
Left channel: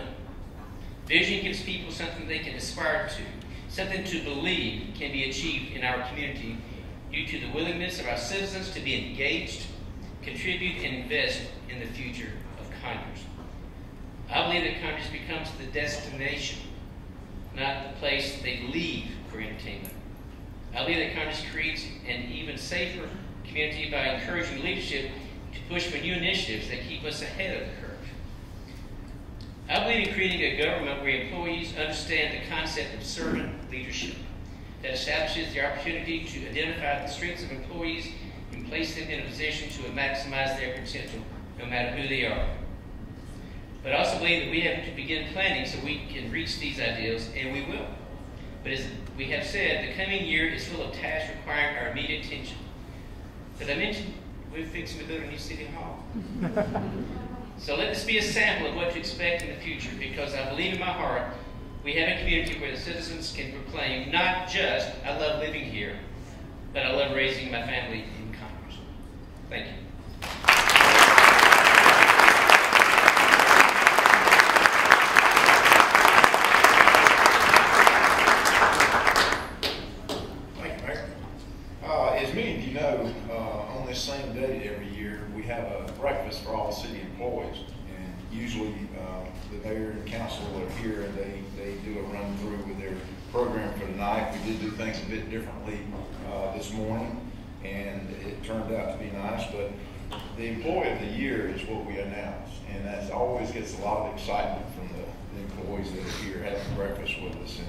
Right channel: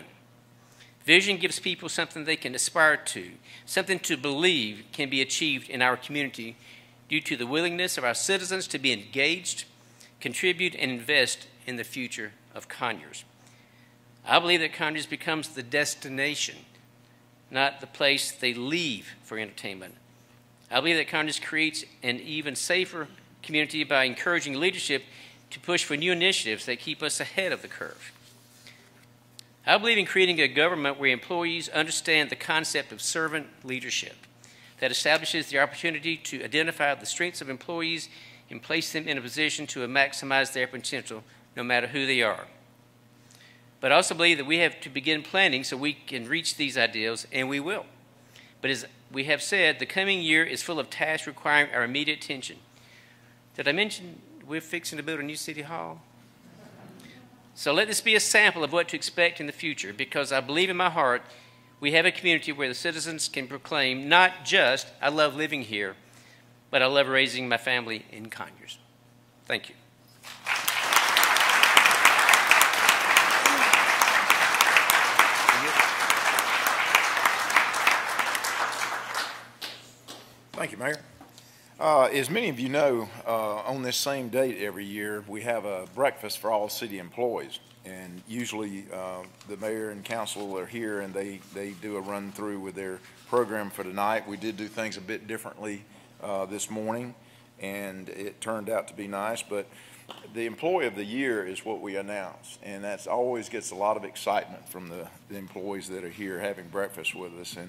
Vision gives people something they can aspire to, something to believe can be achieved in our community due to the willingness of our citizens to be engaged, contribute, and invest in the future of Conyers. I believe that Conyers becomes the destination, not the place they leave for entertainment. I believe that Conyers creates an even safer community by encouraging leadership to push for new initiatives that keep us ahead of the curve. I believe in creating a government where employees understand the concept of servant leadership that establishes the opportunity to identify the strengths of employees and place them in a position to maximize their potential, no matter who they are. But I also believe that we have to begin planning so we can reach these ideals, and we will. But as we have said, the coming year is full of tasks requiring our immediate attention. Did I mention we're fixing to build a new city hall? So let this be a sample of what to expect in the future, because I believe in my heart we have a community where the citizens can proclaim not just, I love living here, but I love raising my family in Conyers. Thank you. this same date every year, we have a breakfast for all city employees. And usually the mayor and council are here and they do a run through with their program for tonight. We did do things a bit differently this morning, and it turned out to be nice. But the employee of the year is what we announce, and that always gets a lot of excitement from the employees that are here having breakfast with us. And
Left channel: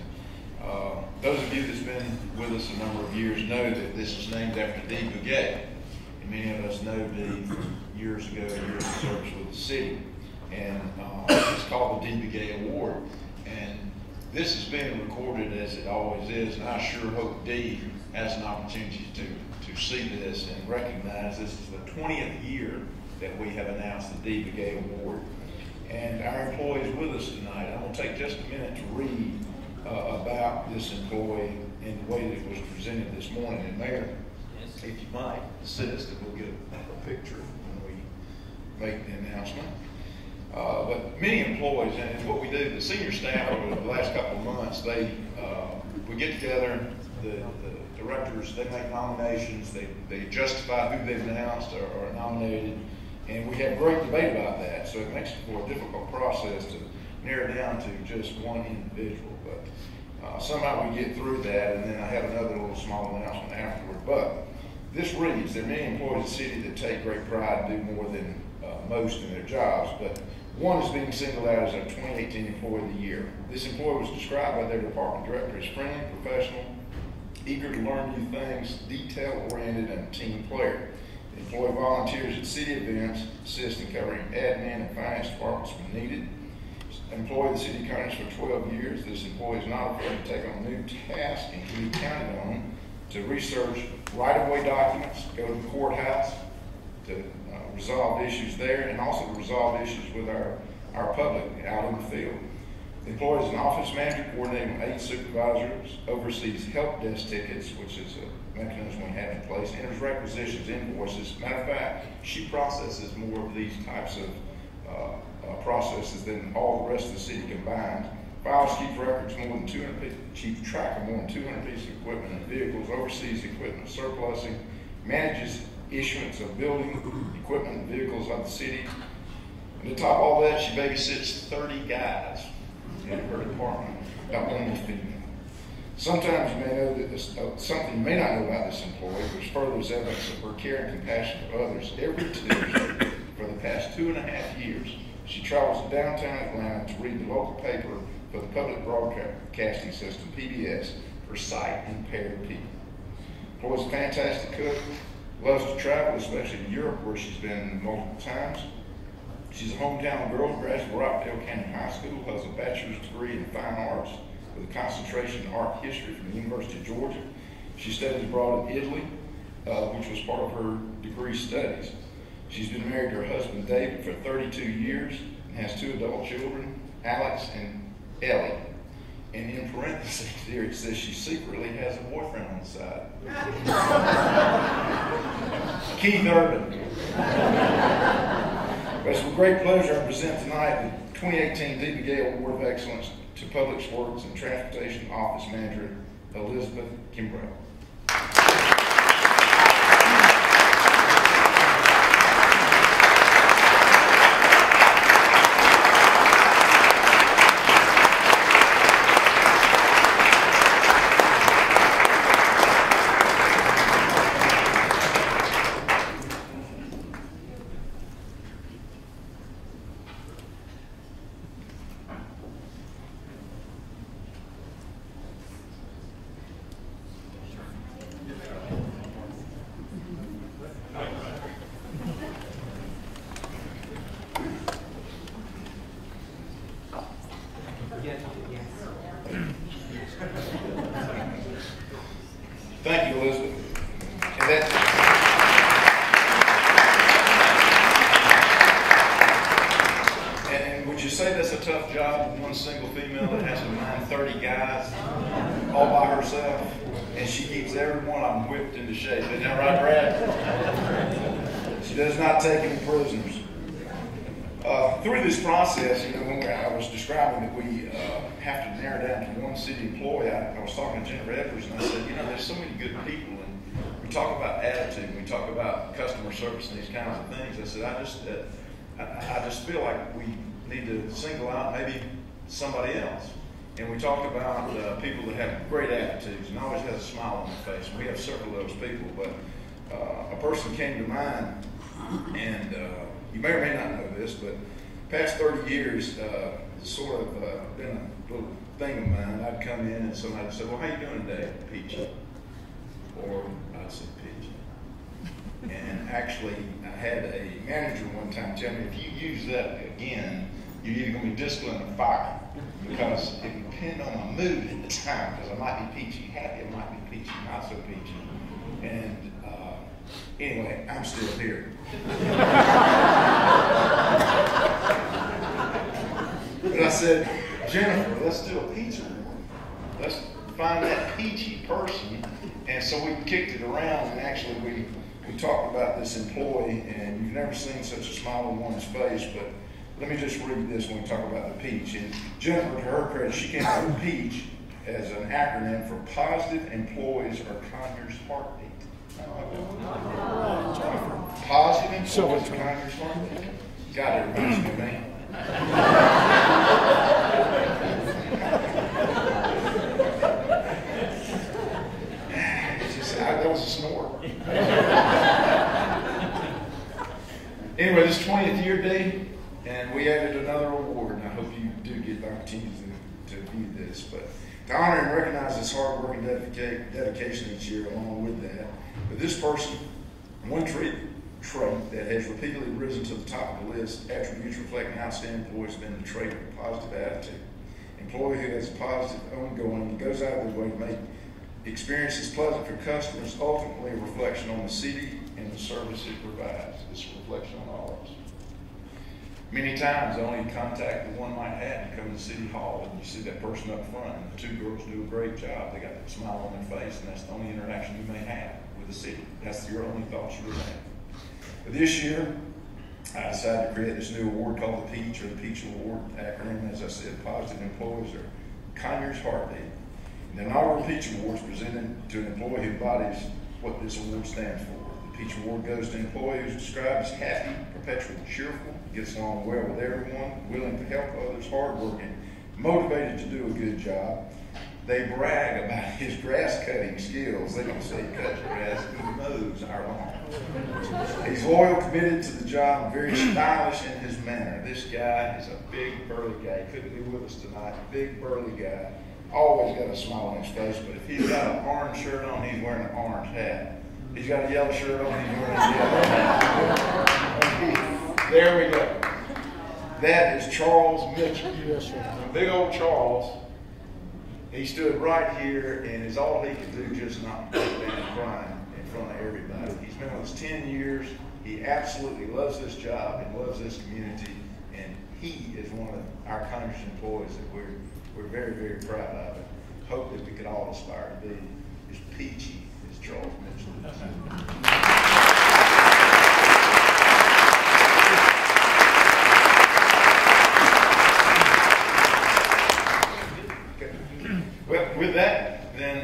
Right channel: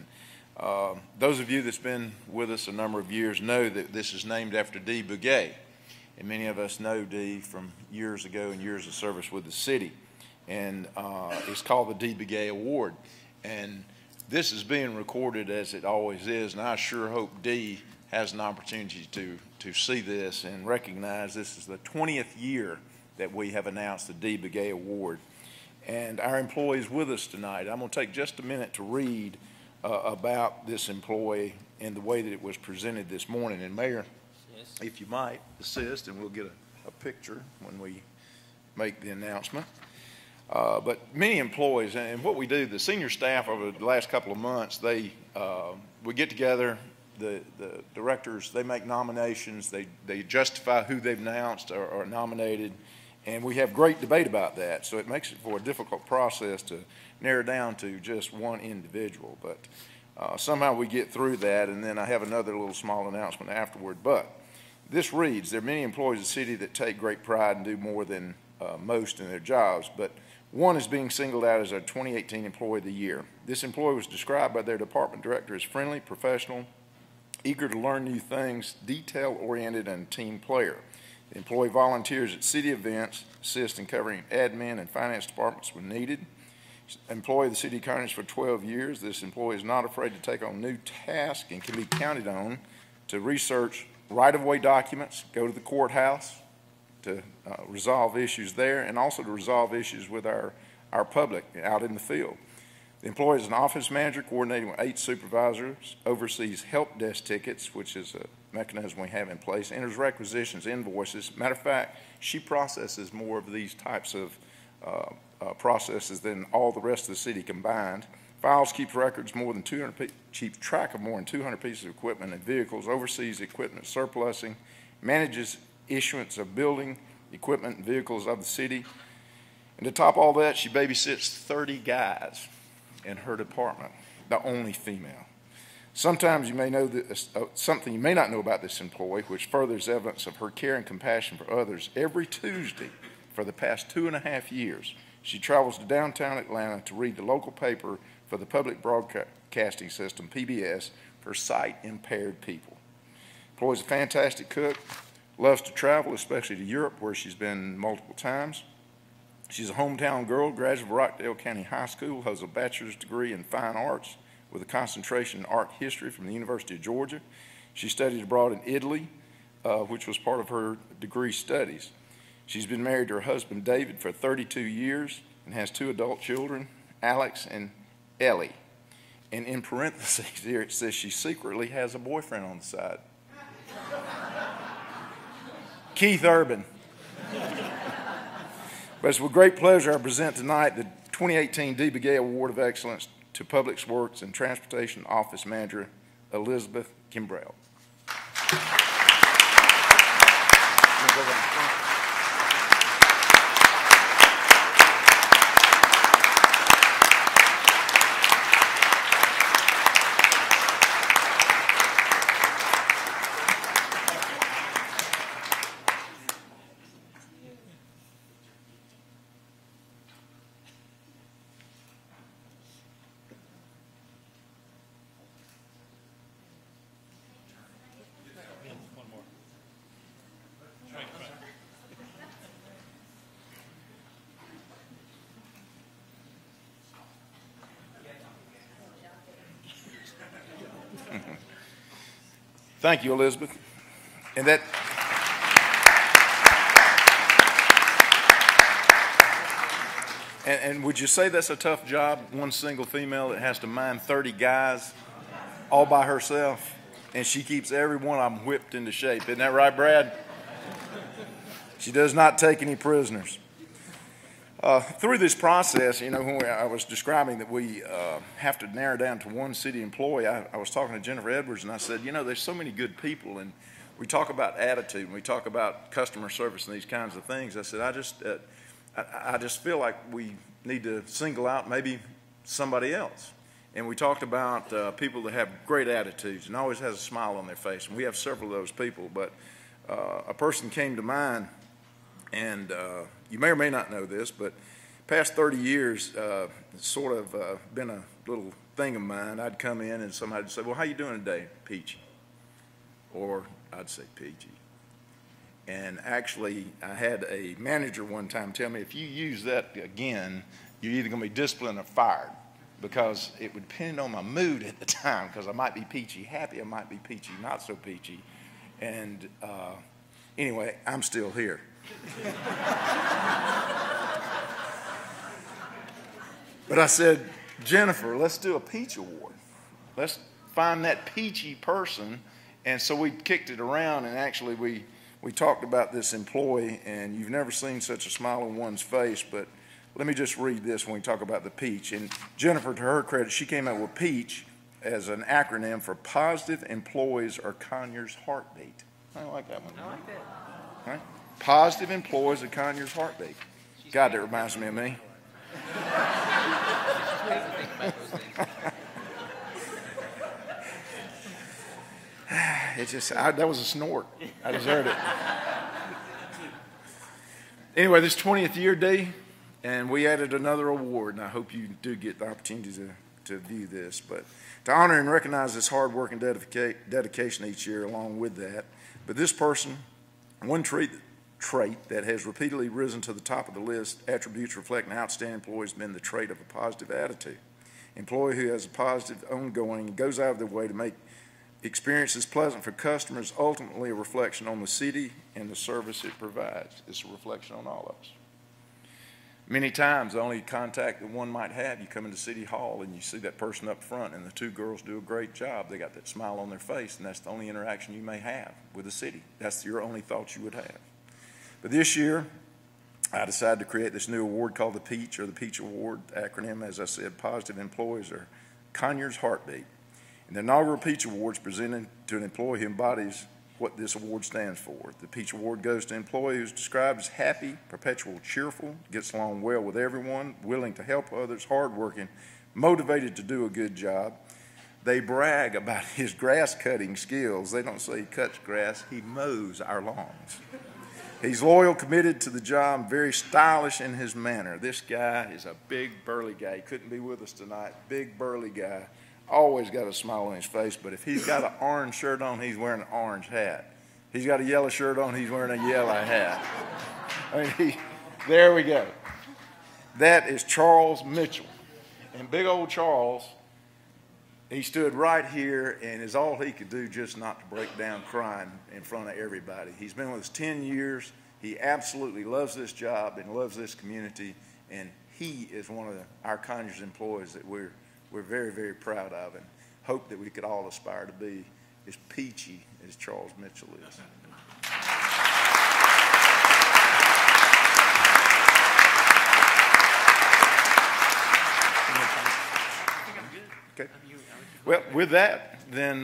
those of you that's been with us a number of years know that this is named after Dee Bugay. And many of us know Dee from years ago, years of service with the city. And it's called the Dee Bugay Award. And this is being recorded as it always is, and I sure hope Dee has an opportunity to see this and recognize this is the 20th year that we have announced the Dee Bugay Award. And our employees with us tonight, I'm going to take just a minute to read about this employee and the way that it was presented this morning. And Mayor, if you might assist, and we'll get a picture when we make the announcement. But many employees, and what we do, the senior staff over the last couple of months, we get together, the directors, they make nominations, they justify who they've announced or nominated, and we have great debate about that. So it makes it for a difficult process to narrow down to just one individual. But somehow we get through that, and then I have another little small announcement afterward. But this reads, there are many employees of the city that take great pride and do more than most in their jobs, but one is being singled out as our 2018 Employee of the Year. This employee was described by their department director as friendly, professional, eager to learn new things, detail-oriented, and a team player. The employee volunteers at city events, assists in covering admin and finance departments when needed. Employee of the city of Conyers for 12 years. This employee is not afraid to take on new tasks and can be counted on to research right-of-way documents, go to the courthouse to resolve issues there, and also to resolve issues with our public out in the field. The employee is an office manager coordinating with 8 supervisors, oversees help desk tickets, which is a mechanism we have in place, enters requisitions, invoices. Matter of fact, she processes more of these types of processes than all the rest of the city combined. Files, keeps records more than 200, keeps track of more than 200 pieces of equipment and vehicles, oversees equipment surplusing, manages issuance of building, equipment, and vehicles of the city. And to top all that, she babysits 30 guys in her department, the only female. Sometimes you may know that something you may not know about this employee, which furthers evidence of her care and compassion for others. Every Tuesday for the past 2.5 years, she travels to downtown Atlanta to read the local paper for the public broadcasting system, PBS, for sight-impaired people. Employee's a fantastic cook, loves to travel, especially to Europe, where she's been multiple times. She's a hometown girl, graduate of Rockdale County High School, has a bachelor's degree in fine arts with a concentration in art history from the University of Georgia. She studied abroad in Italy, which was part of her degree studies. She's been married to her husband, David, for 32 years and has 2 adult children, Alex and Ellie. And in parentheses here, it says she secretly has a boyfriend on the side. Keith Urban. But it's with great pleasure I present tonight the 2018 Dee Bugay Award of Excellence to Public Works and Transportation Office Manager Elizabeth Kimbrell. Thank you, Elizabeth. And would you say that's a tough job, one single female that has to mind 30 guys all by herself? And she keeps every one of them whipped into shape. Isn't that right, Brad? She does not take any prisoners. Through this process, you know, when I was describing that we have to narrow down to one city employee, I was talking to Jennifer Edwards, and I said, you know, there's so many good people, and we we talk about attitude, we talk about customer service and these kinds of things. I said, I just feel like we need to single out maybe somebody else. And we talked about people that have great attitudes and always has a smile on their face. And we have several of those people, but a person came to mind, and you may or may not know this, but past 30 years, it's sort of been a little thing of mine. I'd come in and somebody would say, well, how you doing today, Peachy? Or I'd say Peachy. And actually, I had a manager one time tell me, if you use that again, you're either going to be disciplined or fired. Because it would depend on my mood at the time, because I might be peachy happy, I might be peachy not so peachy. And anyway, I'm still here. But I said, Jennifer, let's do a peach award. Let's find that peachy person. And so we kicked it around, and actually we talked about this employee, and you've never seen such a smile on one's face, but let me just read this when we talk about the peach. And Jennifer, to her credit, she came out with PEACH as an acronym for Positive Employees Are Conyers Heartbeat. I like that one. Positive Employees Are Conyers Heartbeat. God, that reminds me of me. It's just, that was a snort. Anyway, this 20th year day, and we added another award, and I hope you do get the opportunity to view this. But to honor and recognize this hard work and dedication each year along with that. But this person, one trait that has repeatedly risen to the top of the list, attributes reflecting outstanding employees, has been the trait of a positive attitude. Employee who has a positive, ongoing, and goes out of their way to make experiences pleasant for customers, ultimately a reflection on the city and the service it provides. It's a reflection on all of us. Many times, the only contact that one might have, you come into City Hall and you see that person up front, and the two girls do a great job. They got that smile on their face, and that's the only interaction you may have with the city. That's your only thoughts you would have. But this year, I decided to create this new award called the PEACH, or the PEACH Award acronym. As I said, Positive Employees Are Conyers Heartbeat. The inaugural PEACH Award is presented to an employee who embodies what this award stands for. The PEACH Award goes to an employee who's described as happy, perpetually cheerful, gets along well with everyone, willing to help others, hardworking, motivated to do a good job. They brag about his grass cutting skills. They don't say he cuts grass, he mows our lawns. He's loyal, committed to the job, and very stylish in his manner. This guy is a big, burly guy. He couldn't be with us tonight. Big, burly guy. Always got a smile on his face, but if he's got an orange shirt on, he's wearing an orange hat. He's got a yellow shirt on, he's wearing a yellow hat. There we go. That is Charles Mitchell. Yes, sir. Big old Charles. He stood right here, and is all he could do just not break down crying in front of everybody. He's been with us 10 years. He absolutely loves this job and loves this community, and he is one of our Conyers employees that we're very, very proud of, and hope that we could all aspire to be as peachy as Charles Mitchell is. Okay. Well, with that, then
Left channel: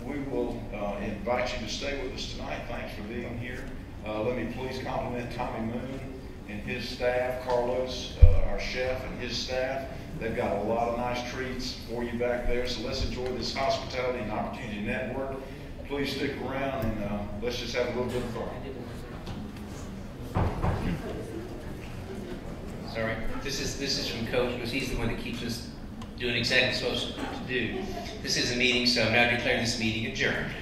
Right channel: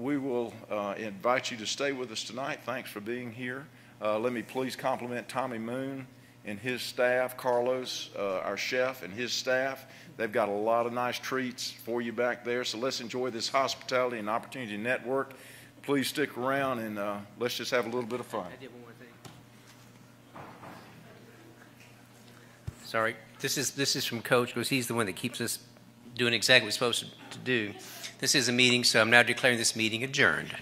we will invite you to stay with us tonight. Thanks for being here. Let me please compliment Tommy Moon and his staff, Carlos, our chef, and his staff. They've got a lot of nice treats for you back there, so let's enjoy this hospitality and opportunity network. Please stick around, and let's just have a little bit of fun. Sorry, this is from Coach, because he's the one that keeps us doing exactly what we're supposed to do. This is a meeting, so I'm now declaring this meeting adjourned.